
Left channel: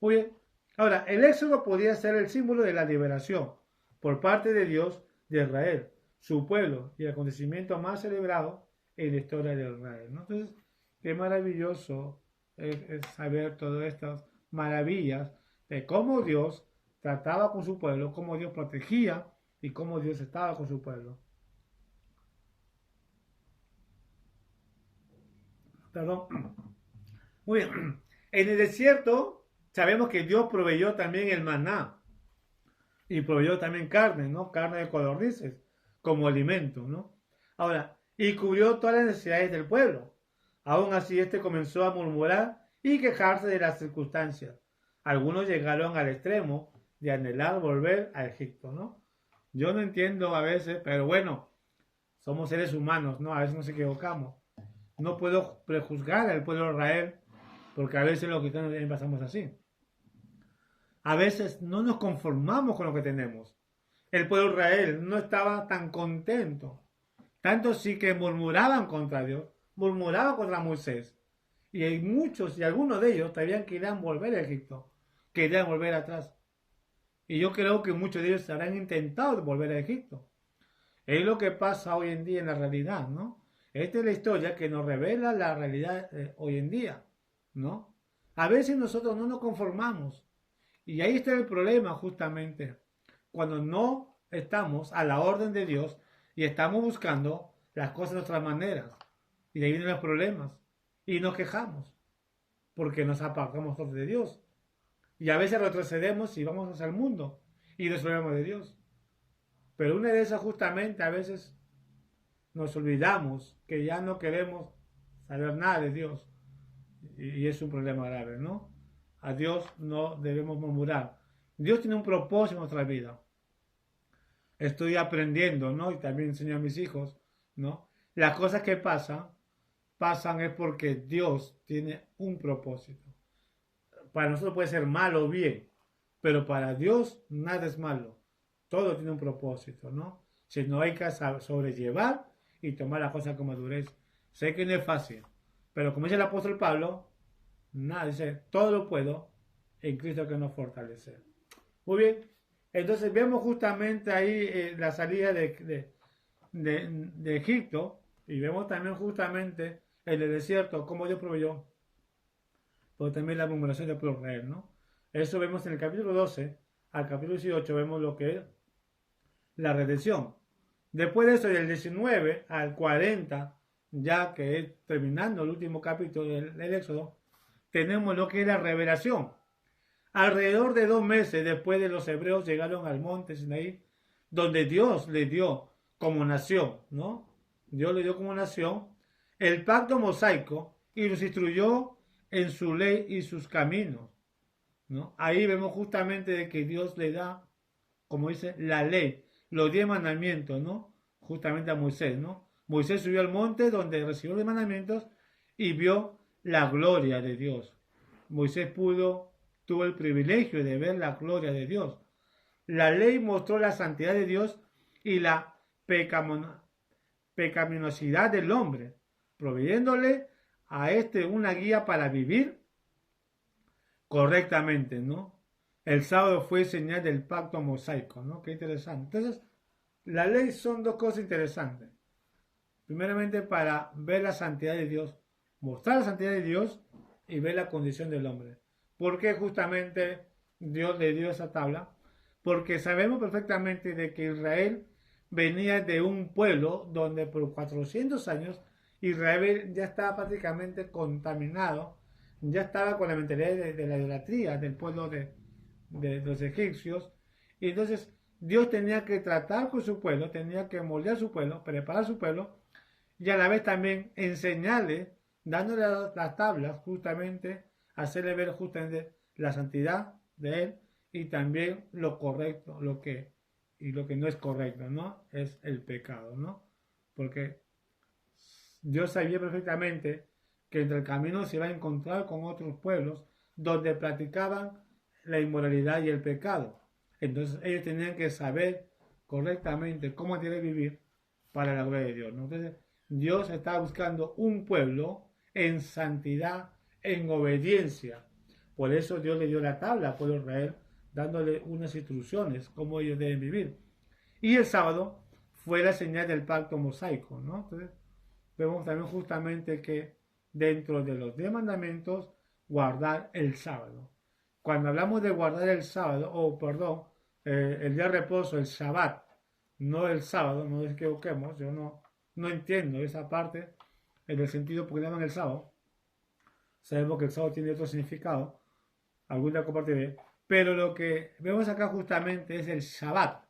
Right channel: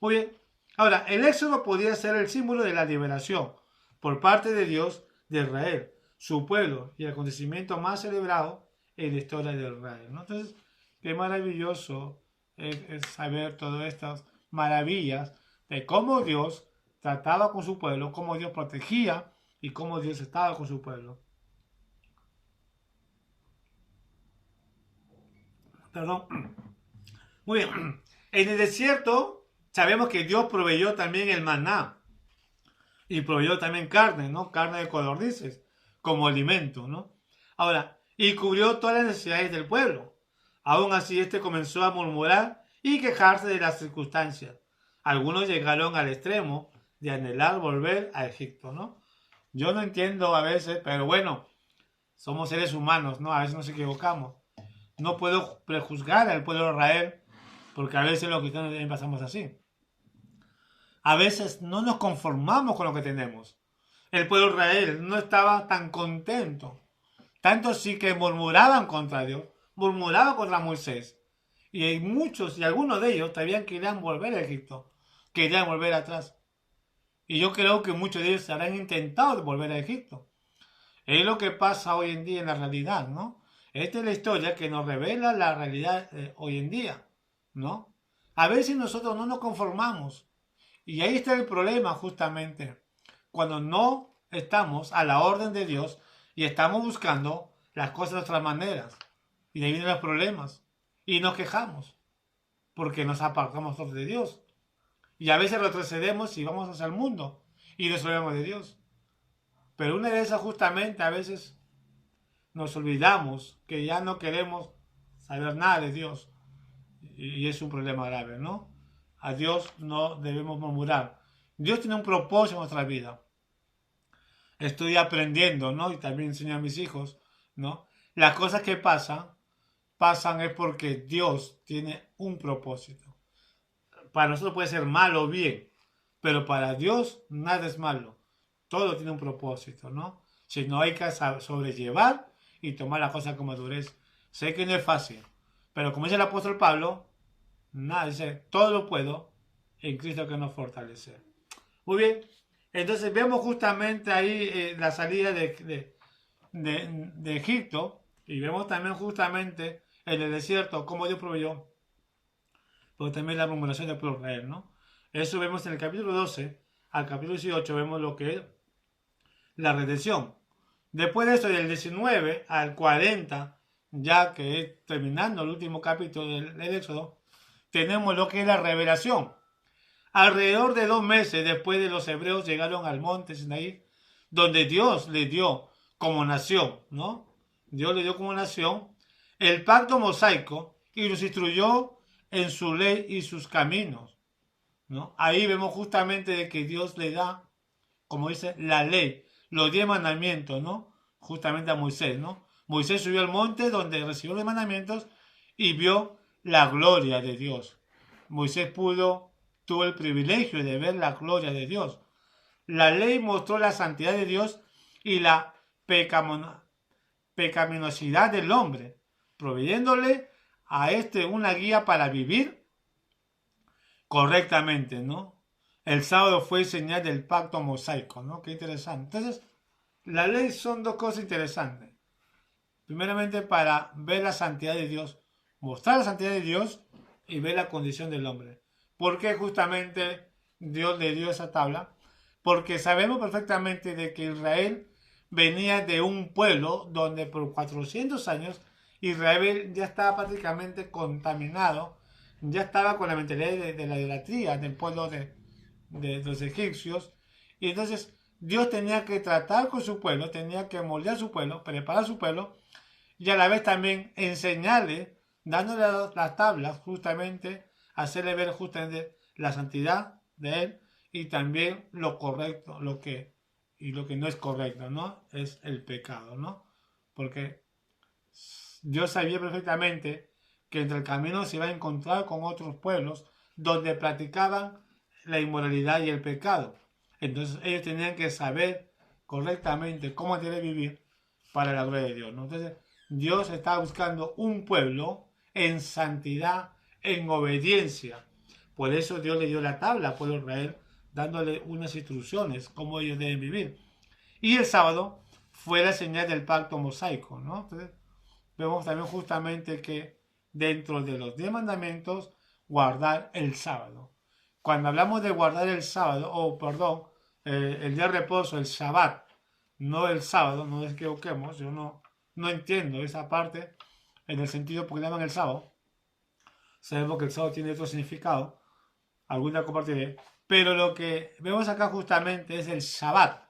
Muy bien. Ahora, el éxodo podía ser el símbolo de la liberación por parte de Dios de Israel, su pueblo y el acontecimiento más celebrado en la historia de Israel, ¿no? Entonces, qué maravilloso es saber todas estas maravillas de cómo Dios trataba con su pueblo, cómo Dios protegía y cómo Dios estaba con su pueblo. Perdón. Muy bien. En el desierto sabemos que Dios proveyó también el maná y proveyó también carne, ¿no? Carne de codornices como alimento, ¿no? Ahora, y cubrió todas las necesidades del pueblo. Aún así, este comenzó a murmurar y quejarse de las circunstancias. Algunos llegaron al extremo de anhelar volver a Egipto, ¿no? Yo no entiendo a veces, pero bueno, somos seres humanos, ¿no? A veces nos equivocamos. No puedo prejuzgar al pueblo de Israel porque a veces los cristianos también pasamos así. A veces no nos conformamos con lo que tenemos. El pueblo de Israel no estaba tan contento. Tanto sí que murmuraban contra Dios, murmuraban contra Moisés. Y hay muchos y algunos de ellos también querían volver a Egipto, querían volver atrás. Y yo creo que muchos de ellos habrán intentado volver a Egipto. Es lo que pasa hoy en día en la realidad, ¿no? Esta es la historia que nos revela la realidad hoy en día, ¿no? A veces nosotros no nos conformamos. Y ahí está el problema justamente. Cuando no estamos a la orden de Dios y estamos buscando las cosas de otras maneras. Y de ahí vienen los problemas. Y nos quejamos porque nos apartamos de Dios. Y a veces retrocedemos y vamos hacia el mundo y nos olvidamos de Dios. Pero una de esas justamente a veces nos olvidamos que ya no queremos saber nada de Dios. Y es un problema grave, ¿no? A Dios no debemos murmurar. Dios tiene un propósito en nuestra vida. Estoy aprendiendo, ¿no? Y también enseño a mis hijos, ¿no? Las cosas que pasan es porque Dios tiene un propósito. Para nosotros puede ser malo o bien, pero para Dios nada es malo. Todo tiene un propósito, ¿no? Si no hay que sobrellevar y tomar las cosas con madurez. Sé que no es fácil, pero como dice el apóstol Pablo, nada, dice, todo lo puedo en Cristo que nos fortalece. Muy bien, entonces vemos justamente ahí la salida de Egipto y vemos también justamente en el desierto cómo Dios proveyó, pero también la murmuración del pueblo de Israel, ¿no? Eso vemos en el capítulo 12 al capítulo 18, vemos lo que es la redención. Después de eso, del 19 al 40, ya que es terminando el último capítulo del Éxodo, tenemos lo que es la revelación. Alrededor de 2 meses después de los hebreos llegaron al monte Sinaí, donde Dios les dio como nación, ¿no? Dios les dio como nación el pacto mosaico y los instruyó en su ley y sus caminos, ¿no? Ahí vemos justamente de que Dios le da, como dice, la ley, los 10 mandamientos, ¿no? Justamente a Moisés, ¿no? Moisés subió al monte donde recibió los mandamientos y vio la gloria de Dios. Moisés tuvo el privilegio de ver la gloria de Dios. La ley mostró la santidad de Dios y la pecaminosidad del hombre, proveyéndole a este una guía para vivir correctamente, ¿no? El sábado fue señal del pacto mosaico, ¿no? Qué interesante. Entonces, la ley son dos cosas interesantes. Primeramente, para ver la santidad de Dios, mostrar la santidad de Dios y ver la condición del hombre. ¿Por qué justamente Dios le dio esa tabla? Porque sabemos perfectamente de que Israel venía de un pueblo donde por 400 años Israel ya estaba prácticamente contaminado, ya estaba con la mentalidad de la idolatría del pueblo de los egipcios. Y entonces Dios tenía que tratar con su pueblo, tenía que moldear su pueblo, preparar su pueblo y a la vez también enseñarle, dándole las tablas justamente, hacerle ver justamente la santidad de él y también lo correcto, lo que no es correcto, ¿no? Es el pecado, ¿no? Porque Dios sabía perfectamente que entre el camino se iba a encontrar con otros pueblos donde practicaban la inmoralidad y el pecado. Entonces ellos tenían que saber correctamente cómo tienen que vivir para la gloria de Dios, ¿no? Entonces Dios estaba buscando un pueblo en santidad, en obediencia. Por eso Dios le dio la tabla al pueblo de Israel, dándole unas instrucciones cómo ellos deben vivir. Y el sábado fue la señal del pacto mosaico, ¿no? Entonces, vemos también justamente que dentro de los 10 mandamientos, guardar el sábado. Cuando hablamos de guardar el sábado, el día de reposo, el Shabbat, no el sábado, no nos equivoquemos, yo no entiendo esa parte en el sentido porque llaman el sábado. Sabemos que el sábado tiene otro significado, algún día compartiré, pero lo que vemos acá justamente es el Shabbat,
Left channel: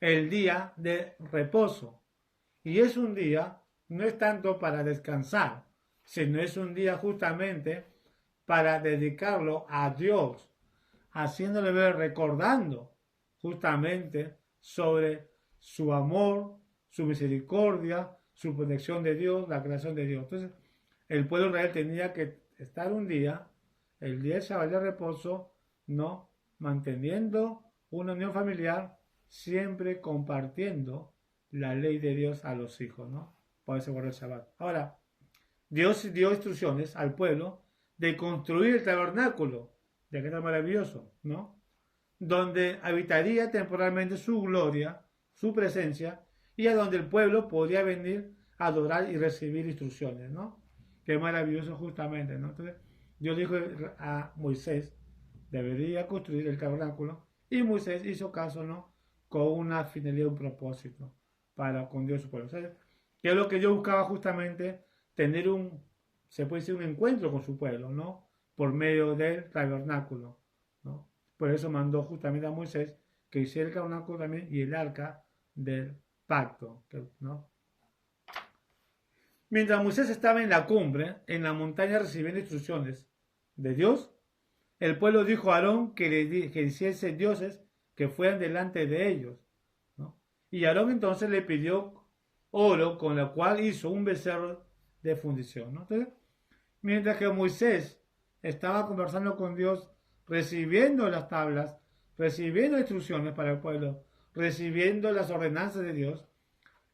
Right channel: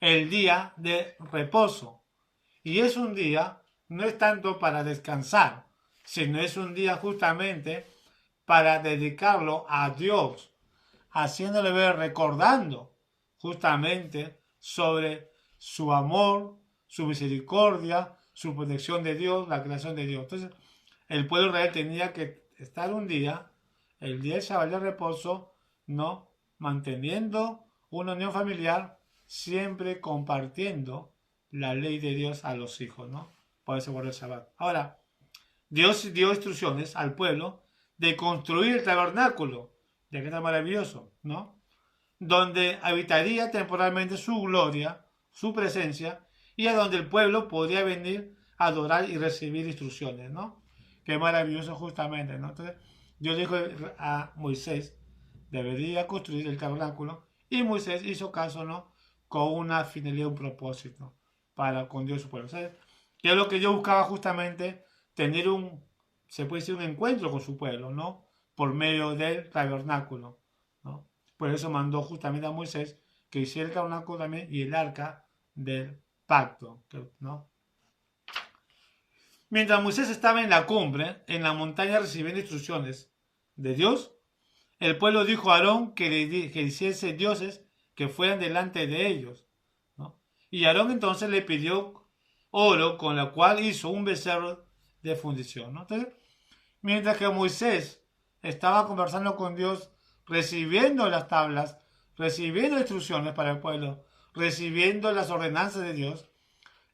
el día de reposo. Y es un día, no es tanto para descansar, sino es un día justamente para dedicarlo a Dios, haciéndole ver, recordando justamente sobre su amor, su misericordia, su protección de Dios, la creación de Dios. Entonces, el pueblo de Israel tenía que estar un día, el día del Shabbat de reposo, ¿no? Manteniendo una unión familiar, siempre compartiendo la ley de Dios a los hijos, ¿no? Por eso guardar el Shabbat. Ahora, Dios dio instrucciones al pueblo de construir el tabernáculo, ya que está maravilloso, ¿no? Donde habitaría temporalmente su gloria, su presencia, y a donde el pueblo podía venir a adorar y recibir instrucciones, ¿no? Qué maravilloso justamente, ¿no? Entonces, Dios dijo a Moisés, debería construir el tabernáculo, y Moisés hizo caso, ¿no? Con una finalidad, un propósito, para con Dios y su pueblo. ¿Sabes? Que es lo que Dios buscaba justamente, tener se puede decir, un encuentro con su pueblo, ¿no? Por medio del tabernáculo, ¿no? Por eso mandó justamente a Moisés que hiciera el tabernáculo también y el arca del pacto, ¿no? Mientras Moisés estaba en la cumbre, en la montaña recibiendo instrucciones de Dios, el pueblo dijo a Aarón que hiciese dioses que fueran delante de ellos, ¿no? Y Aarón entonces le pidió oro, con lo cual hizo un becerro de fundición, ¿no? Entonces, mientras que Moisés estaba conversando con Dios, recibiendo las tablas, recibiendo instrucciones para el pueblo, recibiendo las ordenanzas de Dios,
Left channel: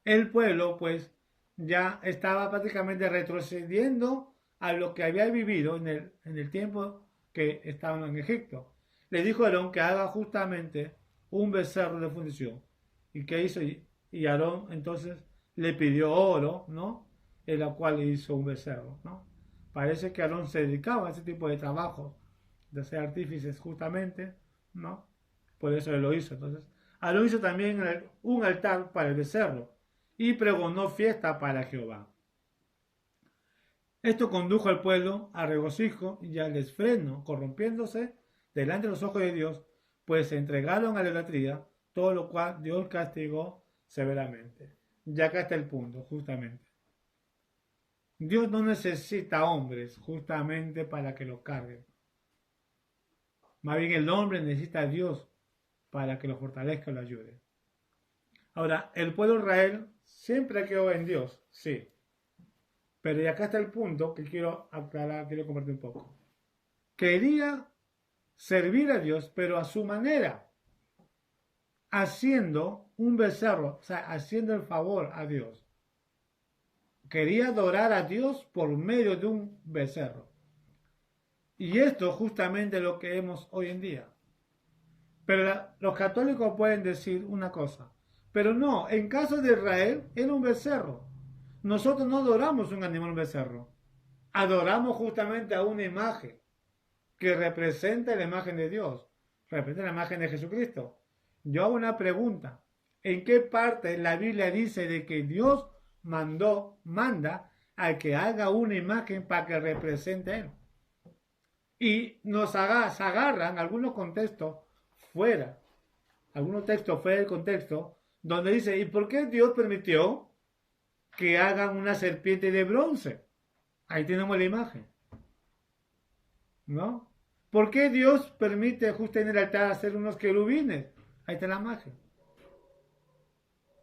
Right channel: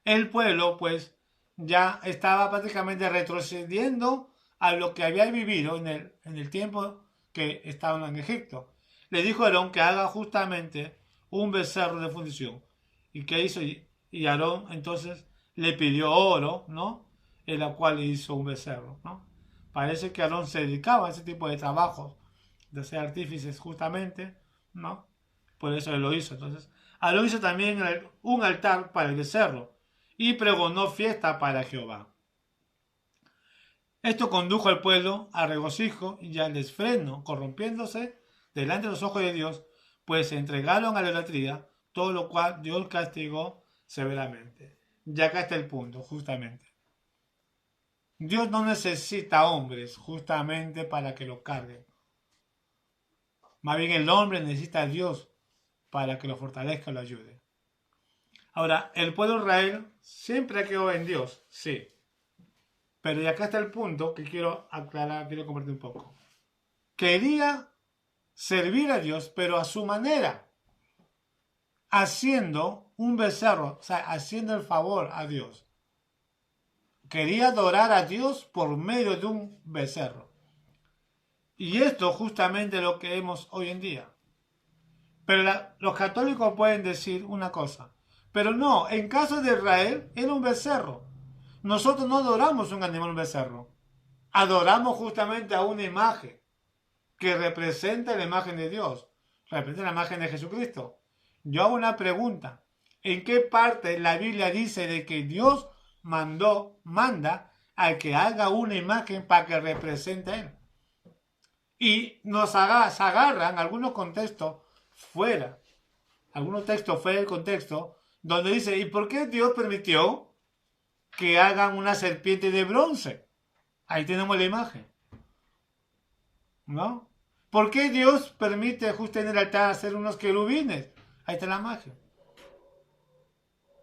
el pueblo pues ya estaba prácticamente retrocediendo a lo que había vivido en el tiempo que estaban en Egipto. Le dijo a Aarón que haga justamente un becerro de fundición. ¿Y qué hizo? Y Aarón entonces le pidió oro, ¿no? En la cual hizo un becerro, ¿no? Parece que Aarón se dedicaba a ese tipo de trabajos, de ser artífices justamente, ¿no? Por eso él lo hizo. Entonces, Aarón hizo también un altar para el becerro y pregonó fiesta para Jehová. Esto condujo al pueblo a regocijo y al desfreno, corrompiéndose delante de los ojos de Dios, pues se entregaron a la idolatría, todo lo cual Dios castigó severamente. Ya acá está el punto, justamente. Dios no necesita hombres justamente para que lo carguen. Más bien el hombre necesita a Dios para que lo fortalezca y lo ayude. Ahora, el pueblo de Israel siempre ha quedado en Dios, sí. Pero y acá está el punto que quiero aclarar, quiero compartir un poco. Quería servir a Dios, pero a su manera, haciendo un becerro, o sea, haciendo el favor a Dios. Quería adorar a Dios por medio de un becerro. Y esto justamente es lo que vemos hoy en día. Pero los católicos pueden decir una cosa, pero no, en caso de Israel era un becerro. Nosotros no adoramos un animal, un becerro. Adoramos justamente a una imagen que representa la imagen de Dios, representa la imagen de Jesucristo. Yo hago una pregunta. ¿En qué parte la Biblia dice de que Dios manda al que haga una imagen para que represente a Él? Y se agarran algunos contextos fuera, algunos textos fuera del contexto, donde dice, ¿y por qué Dios permitió que hagan una serpiente de bronce? Ahí tenemos la imagen, ¿no? ¿Por qué Dios permite justo en el altar hacer unos querubines? Ahí está la imagen.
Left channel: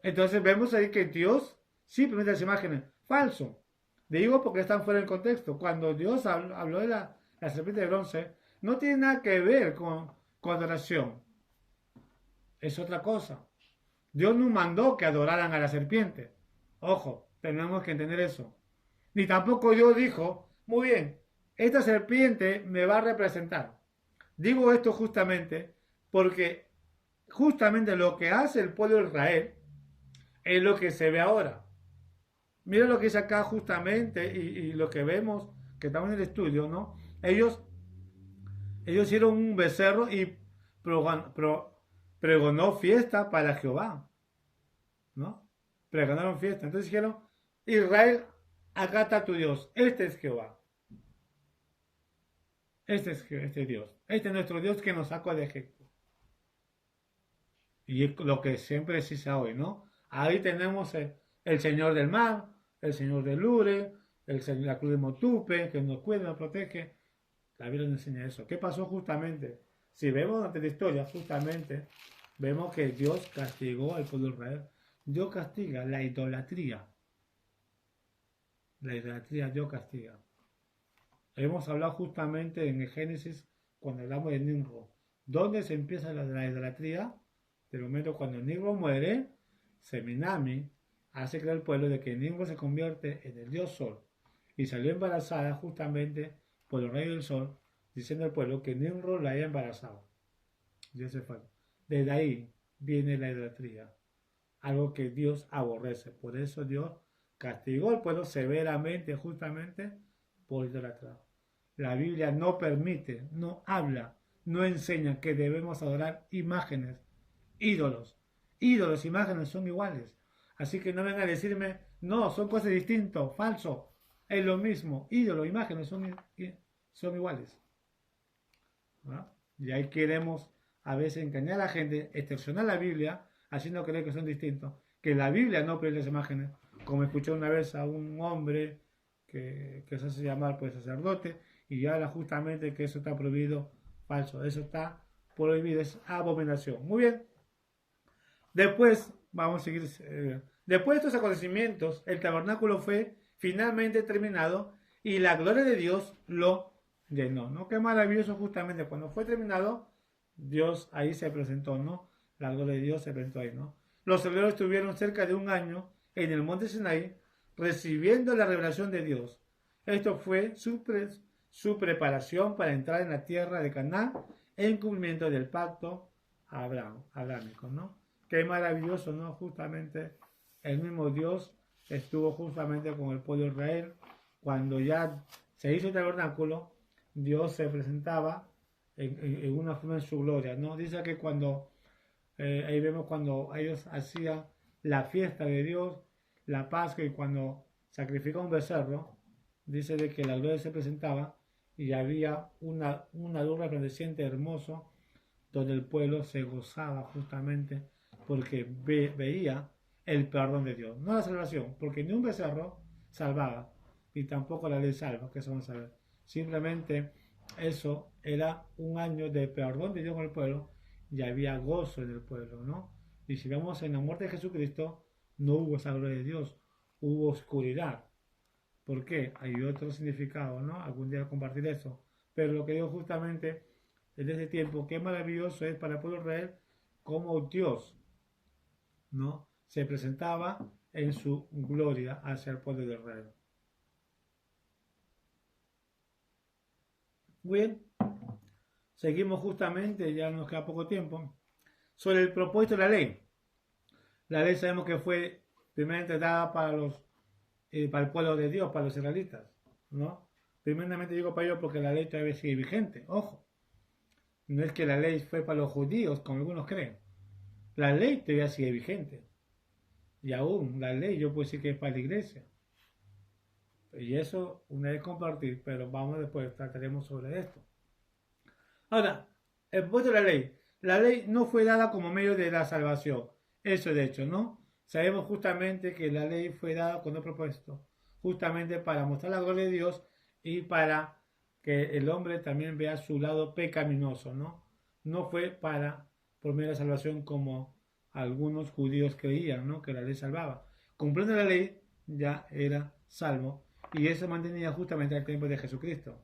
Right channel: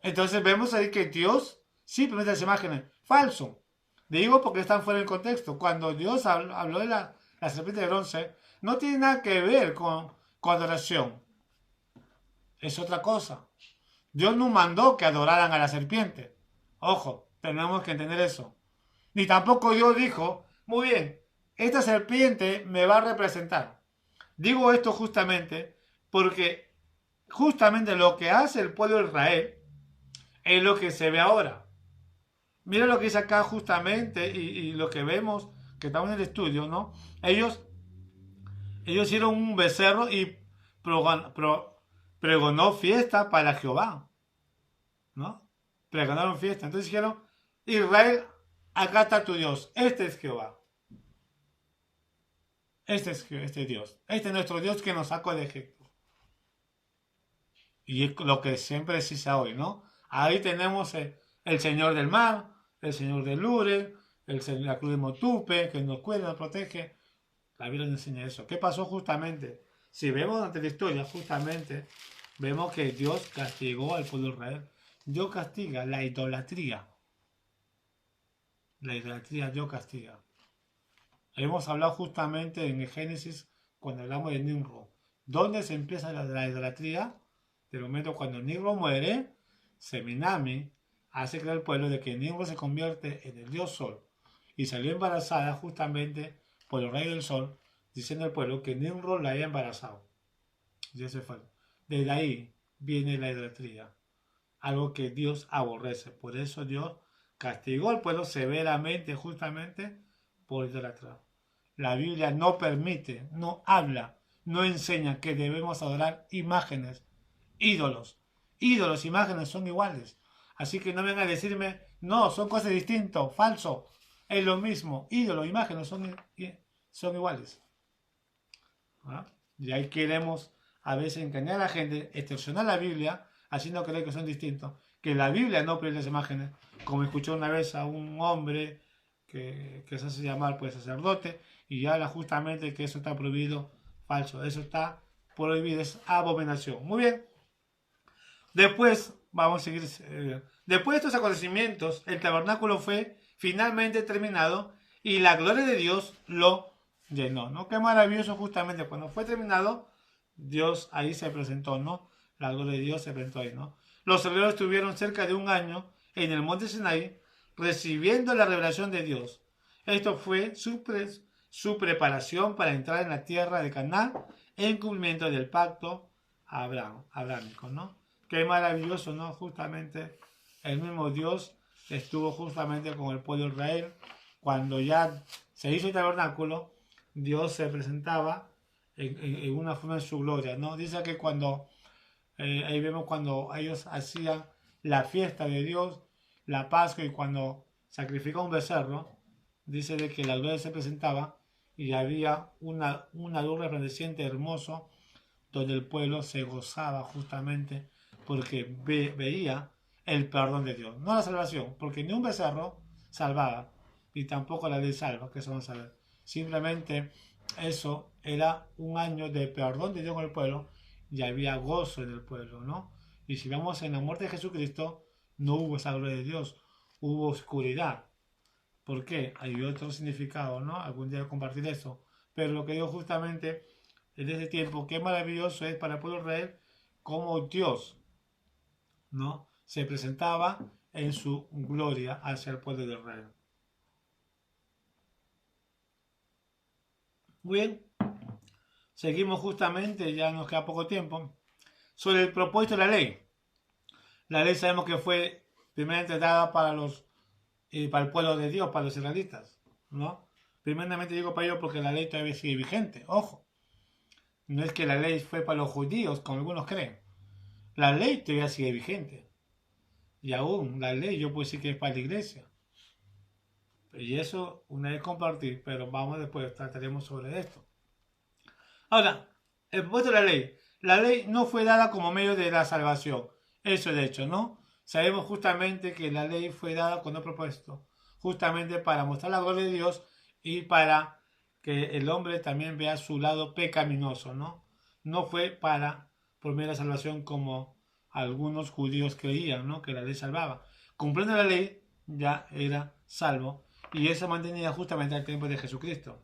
Entonces vemos ahí que Dios sí permite las imágenes. Falso. Digo porque están fuera del contexto. Cuando Dios habló de la serpiente de bronce, no tiene nada que ver con adoración. Es otra cosa. Dios no mandó que adoraran a la serpiente. Ojo, tenemos que entender eso. Ni tampoco Dios dijo, muy bien, esta serpiente me va a representar. Digo esto justamente porque justamente lo que hace el pueblo de Israel es lo que se ve ahora. Mira lo que dice acá justamente y lo que vemos, que estamos en el estudio, ¿no? Ellos hicieron un becerro y pregonó fiesta para Jehová, ¿no? Pregonaron fiesta. Entonces dijeron, Israel, acá está tu Dios. Este es Jehová. Este Dios. Este es nuestro Dios que nos sacó de Egipto. Y es lo que siempre se dice hoy, ¿no? Ahí tenemos el Señor del mar, el Señor del Lure, la cruz de Motupe, que nos cuida, nos protege. La Biblia nos enseña eso. ¿Qué pasó justamente? Si vemos durante la historia, justamente, vemos que Dios castigó al pueblo de Israel. Dios castiga la idolatría. La idolatría Dios castiga. Hemos hablado justamente en el Génesis cuando hablamos de Nimrod. ¿Dónde se empieza la idolatría? Del momento cuando Nimrod muere, Seminami hace creer al pueblo de que Nimrod se convierte en el dios Sol y salió embarazada justamente por el rey del Sol, diciendo al pueblo que Nimrod la había embarazado. Y ese fue. Desde ahí viene la idolatría, algo que Dios aborrece. Por eso Dios castigó al pueblo severamente justamente por idolatrar. La Biblia no permite, no habla, no enseña que debemos adorar imágenes, ídolos. Ídolos, imágenes son iguales. Así que no vengan a decirme, no, son cosas distintas, falso. Es lo mismo, ídolos, imágenes son iguales. ¿Ah? Y ahí queremos a veces engañar a la gente, extorsionar la Biblia, haciendo creer que son distintos. Que la Biblia no prohíbe las imágenes. Como escuché una vez a un hombre que se hace llamar pues sacerdote y habla justamente que eso está prohibido, falso. Eso está prohibido, es abominación. Muy bien. Después, vamos a seguir. Después de estos acontecimientos, el tabernáculo fue finalmente terminado y la gloria de Dios lo llenó, ¿no? Qué maravilloso justamente cuando fue terminado, Dios ahí se presentó, ¿no? La gloria de Dios se presentó ahí, ¿no? Los hebreos estuvieron cerca de un año en el monte Sinaí recibiendo la revelación de Dios. Esto fue su preparación para entrar en la tierra de Canaán en cumplimiento del pacto abrámico, ¿no? Qué maravilloso, ¿no? Justamente el mismo Dios estuvo justamente con el pueblo de Israel. Cuando ya se hizo el tabernáculo, Dios se presentaba en una forma de su gloria, ¿no? Dice que cuando, ahí vemos cuando ellos hacían la fiesta de Dios, la Pascua y cuando sacrificaba un becerro, dice de que la gloria se presentaba y había una luz resplandeciente hermoso donde el pueblo se gozaba justamente porque veía el perdón de Dios, no la salvación, porque ni un becerro salvaba, y tampoco la ley salva, que eso vamos a ver. Simplemente eso era un año de perdón de Dios con el pueblo y había gozo en el pueblo, ¿no? Y si vamos en la muerte de Jesucristo, no hubo esa gloria de Dios, hubo oscuridad. ¿Por qué? Hay otro significado, ¿no? Algún día compartir eso. Pero lo que digo justamente en ese tiempo, qué maravilloso es para el pueblo de Israel cómo Dios, ¿no? Se presentaba en su gloria hacia el pueblo de Israel. Muy bien, seguimos justamente, ya nos queda poco tiempo, sobre el propósito de la ley. La ley sabemos que fue primeramente dada para el pueblo de Dios, para los israelitas, ¿no? Primeramente digo para ellos porque la ley todavía sigue vigente, ojo. No es que la ley fue para los judíos, como algunos creen. La ley todavía sigue vigente. Y aún la ley yo puedo decir que es para la iglesia. Y eso una vez compartir, pero vamos después, trataremos sobre esto. Ahora, el propósito de la ley. La ley no fue dada como medio de la salvación. Eso de hecho, ¿no? Sabemos justamente que la ley fue dada con un propósito. Justamente para mostrar la gloria de Dios y para que el hombre también vea su lado pecaminoso, ¿no? No fue por medio de la salvación como algunos judíos creían, ¿no? Que la ley salvaba. Cumpliendo la ley ya era salvo y eso mantenía justamente al tiempo de Jesucristo.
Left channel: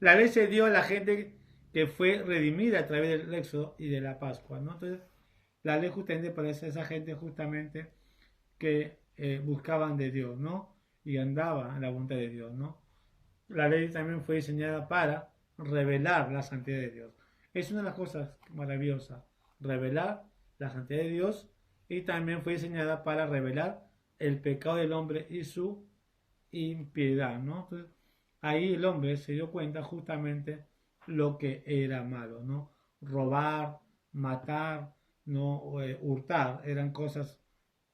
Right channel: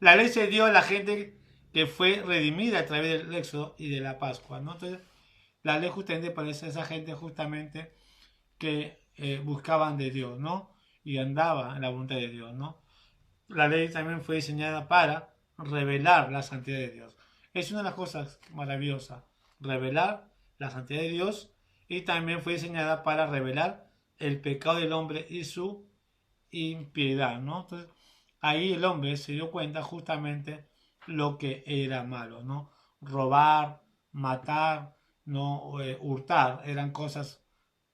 La ley se dio a la gente que fue redimida a través del Éxodo y de la Pascua, ¿no? Entonces, la ley justamente parece esa gente justamente que buscaban de Dios, ¿no? Y andaba en la voluntad de Dios, ¿no? La ley también fue diseñada para revelar la santidad de Dios. Es una de las cosas maravillosas, revelar la santidad de Dios y también fue diseñada para revelar el pecado del hombre y su impiedad, ¿no? Entonces, ahí el hombre se dio cuenta justamente lo que era malo, ¿no? Robar, matar, no hurtar, eran cosas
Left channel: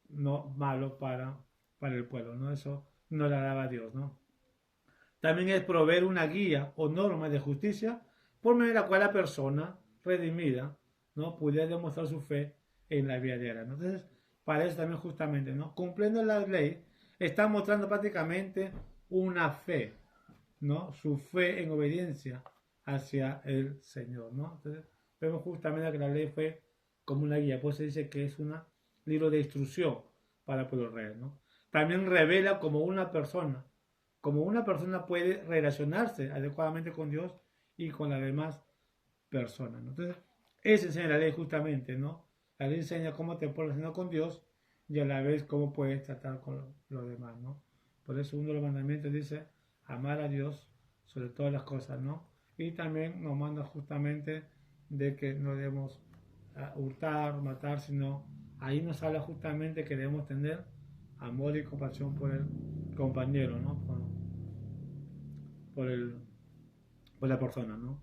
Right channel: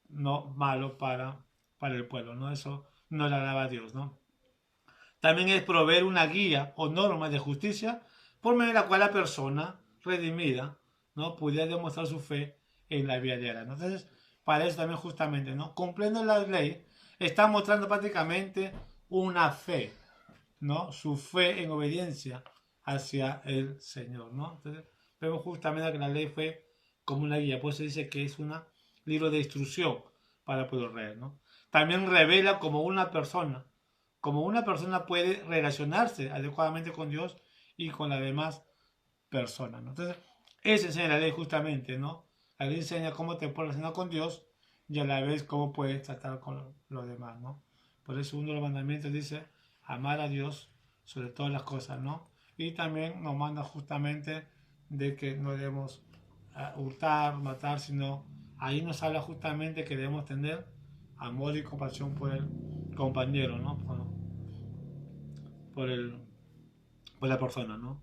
no malo para el pueblo, ¿no? Eso no le agradaba a Dios, ¿no? También es proveer una guía o norma de justicia por medio de la cual la persona redimida, ¿no? Pudiera demostrar su fe en la vida diaria, ¿no? Entonces, para eso también justamente, ¿no? Cumpliendo la ley, está mostrando prácticamente una fe, ¿no? Su fe en obediencia hacia el Señor, ¿no? Entonces, vemos justamente que la ley fue como una guía, pues se dice que es un libro de instrucción para el pueblo real, ¿no? También revela como una persona puede relacionarse adecuadamente con Dios y con las demás personas, ¿no? Entonces, eso enseña la ley justamente, ¿no? La ley enseña cómo te puedes relacionar con Dios y a la vez cómo puedes tratar con los demás, ¿no? Por eso uno de los mandamientos dice amar a Dios sobre todas las cosas, ¿no? Y también nos manda justamente de que no debemos hurtar, matar, sino ahí nos habla justamente que debemos tener amor y compasión por el compañero, ¿no? Por, el, por la persona, ¿no?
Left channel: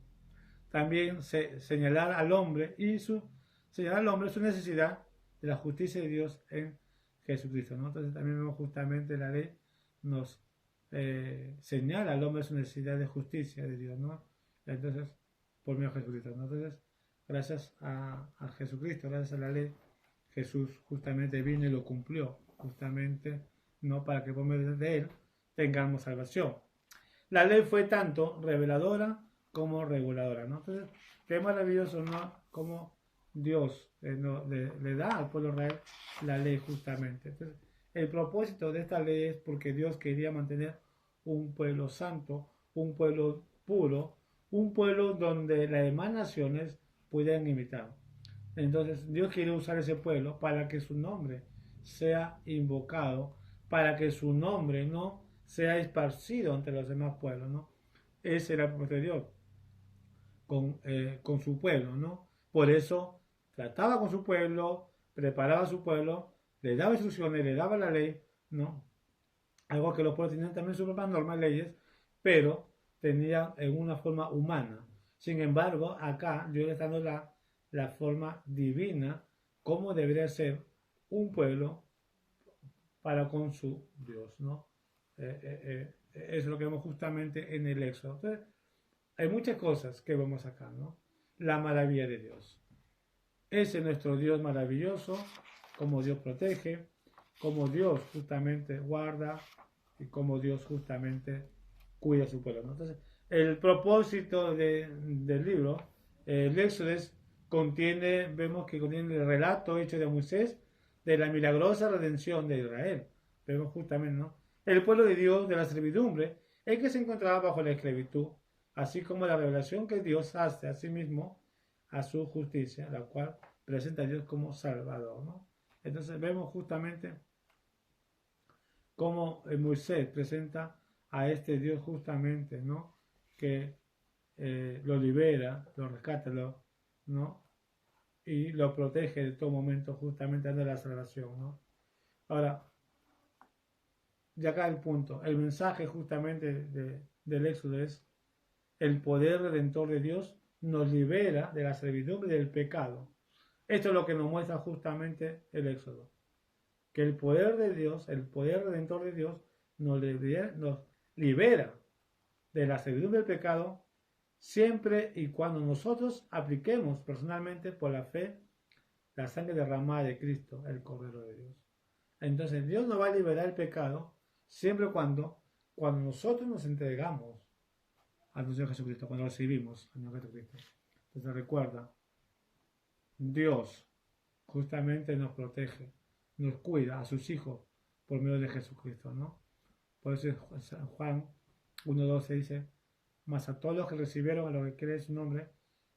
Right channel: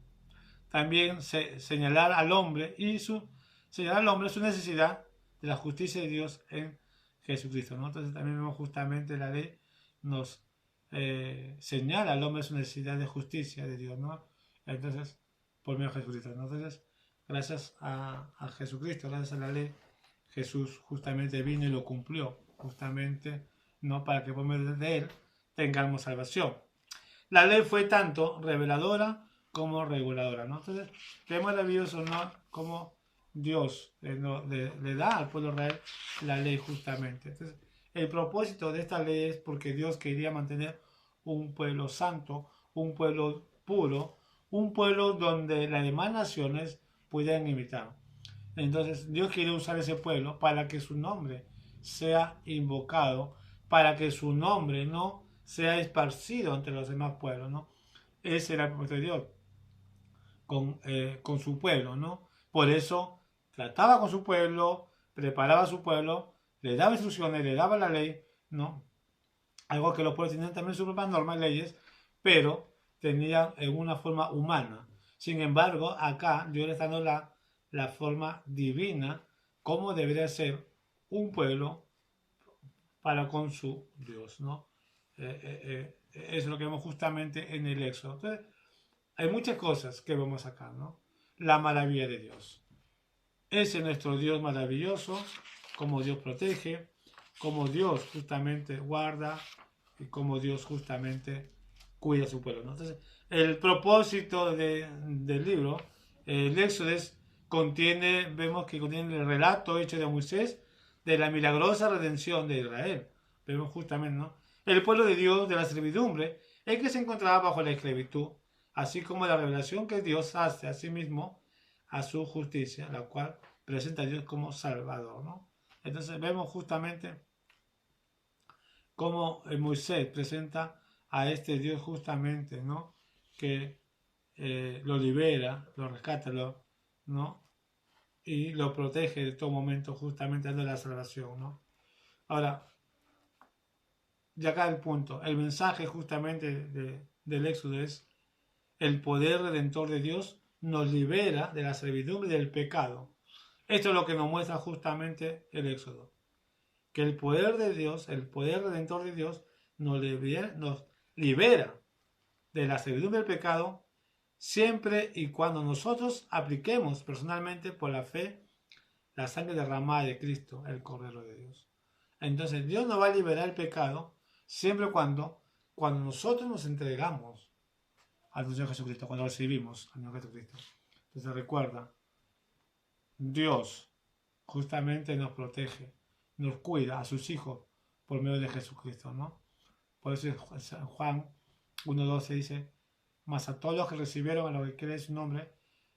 También señalar al hombre señalar al hombre su necesidad de la justicia de Dios en Jesucristo, ¿no? Entonces también vemos justamente la ley nos señala al hombre su necesidad de justicia de Dios, ¿no? Entonces, por medio de Jesucristo, ¿no? Entonces, gracias a Jesucristo, gracias a la ley, Jesús justamente vino y lo cumplió, justamente, ¿no? Para que por medio de él tengamos salvación. La ley fue tanto reveladora como reguladora, ¿no? Entonces, qué maravilloso, ¿no? Como Dios le da al pueblo real la ley justamente. Entonces, el propósito de esta ley es porque Dios quería mantener un pueblo santo, un pueblo puro, un pueblo donde las demás naciones pudieran imitar. Entonces, Dios quiere usar ese pueblo para que su nombre sea invocado, para que su nombre no sea esparcido entre los demás pueblos, ¿no? Ese era el propósito de Dios con su pueblo, ¿no? Por eso trataba con su pueblo, preparaba a su pueblo, le daba instrucciones, le daba la ley, ¿no? Algo que los pueblos tenían también sus propias normas, leyes, pero tenían en una forma humana. Sin embargo, acá Dios le está dando la forma divina, como debería ser un pueblo para con su Dios, ¿no? Eso es lo que vemos justamente en el Éxodo. Entonces, hay muchas cosas que vemos acá, ¿no? La maravilla de Dios. Ese es nuestro Dios maravilloso, como Dios protege, como Dios justamente guarda y como Dios justamente cuida a su pueblo, ¿no? Entonces, el propósito del libro, el Éxodo, vemos que contiene el relato hecho de Moisés de la milagrosa redención de Israel. Vemos justamente, ¿no? El pueblo de Dios de la servidumbre, el que se encontraba bajo la esclavitud, así como la revelación que Dios hace a sí mismo a su justicia, la cual presenta a Dios como Salvador, ¿no? Entonces vemos justamente cómo Moisés presenta a este Dios justamente, ¿no? Que lo libera, lo rescata, ¿no? Y lo protege de todo momento, justamente dando la salvación, ¿no? Ahora, de acá el punto, el mensaje justamente del Éxodo es el poder redentor de Dios nos libera de la servidumbre del pecado. Esto es lo que nos muestra justamente el Éxodo. Que el poder de Dios, el poder redentor de Dios, nos libera de la servidumbre del pecado siempre y cuando nosotros apliquemos personalmente por la fe la sangre derramada de Cristo, el Cordero de Dios. Entonces Dios nos va a liberar el pecado siempre y cuando nosotros nos entregamos al Señor Jesucristo, cuando recibimos al Señor Jesucristo. Entonces recuerda, Dios justamente nos protege, nos cuida a sus hijos por medio de Jesucristo, ¿no? Por eso Juan 1:12 dice, mas a todos los que recibieron a los que creen su nombre,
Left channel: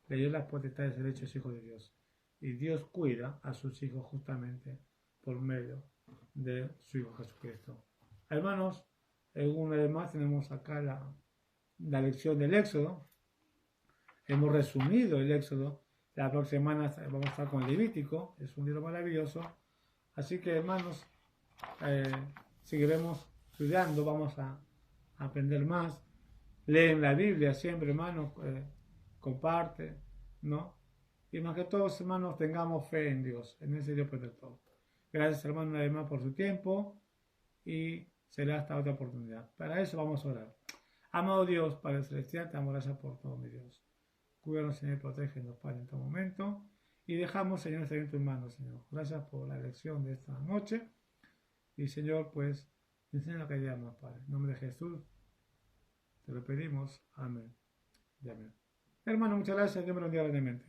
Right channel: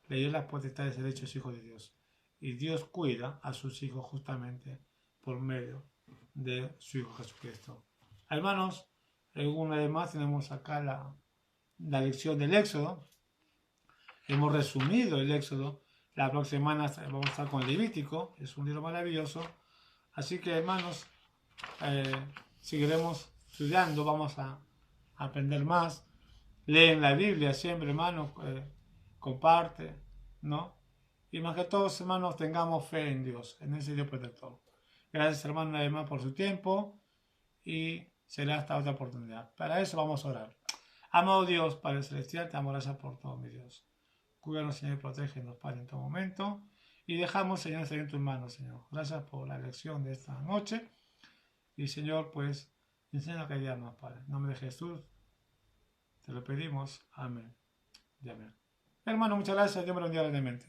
le dio la potestad de ser hechos hijos de Dios. Y Dios cuida a sus hijos justamente por medio de su Hijo Jesucristo. Hermanos, una vez más tenemos acá la lección del Éxodo. Hemos resumido el Éxodo. La próxima semana vamos a estar con Levítico. Es un libro maravilloso. Así que, hermanos, seguiremos estudiando, vamos a aprender más. Leen la Biblia siempre, hermanos, comparte, ¿no? Y más que todos, hermanos, tengamos fe en Dios, en ese Dios protector. Gracias, hermano, además por su tiempo y será hasta otra oportunidad. Para eso vamos a orar. Amado Dios, Padre Celestial, te amo, gracias por todo, mi Dios. Cuídanos, Señor, y protégenos, Padre, en todo momento. Y dejamos, Señor, en tus manos, Señor. Gracias por la lección de esta noche. Y, Señor, pues, enseña que día más, Padre. En nombre de Jesús, te lo pedimos. Amén. Y amén. Hermano, muchas gracias. Dios me lo bendiga grandemente.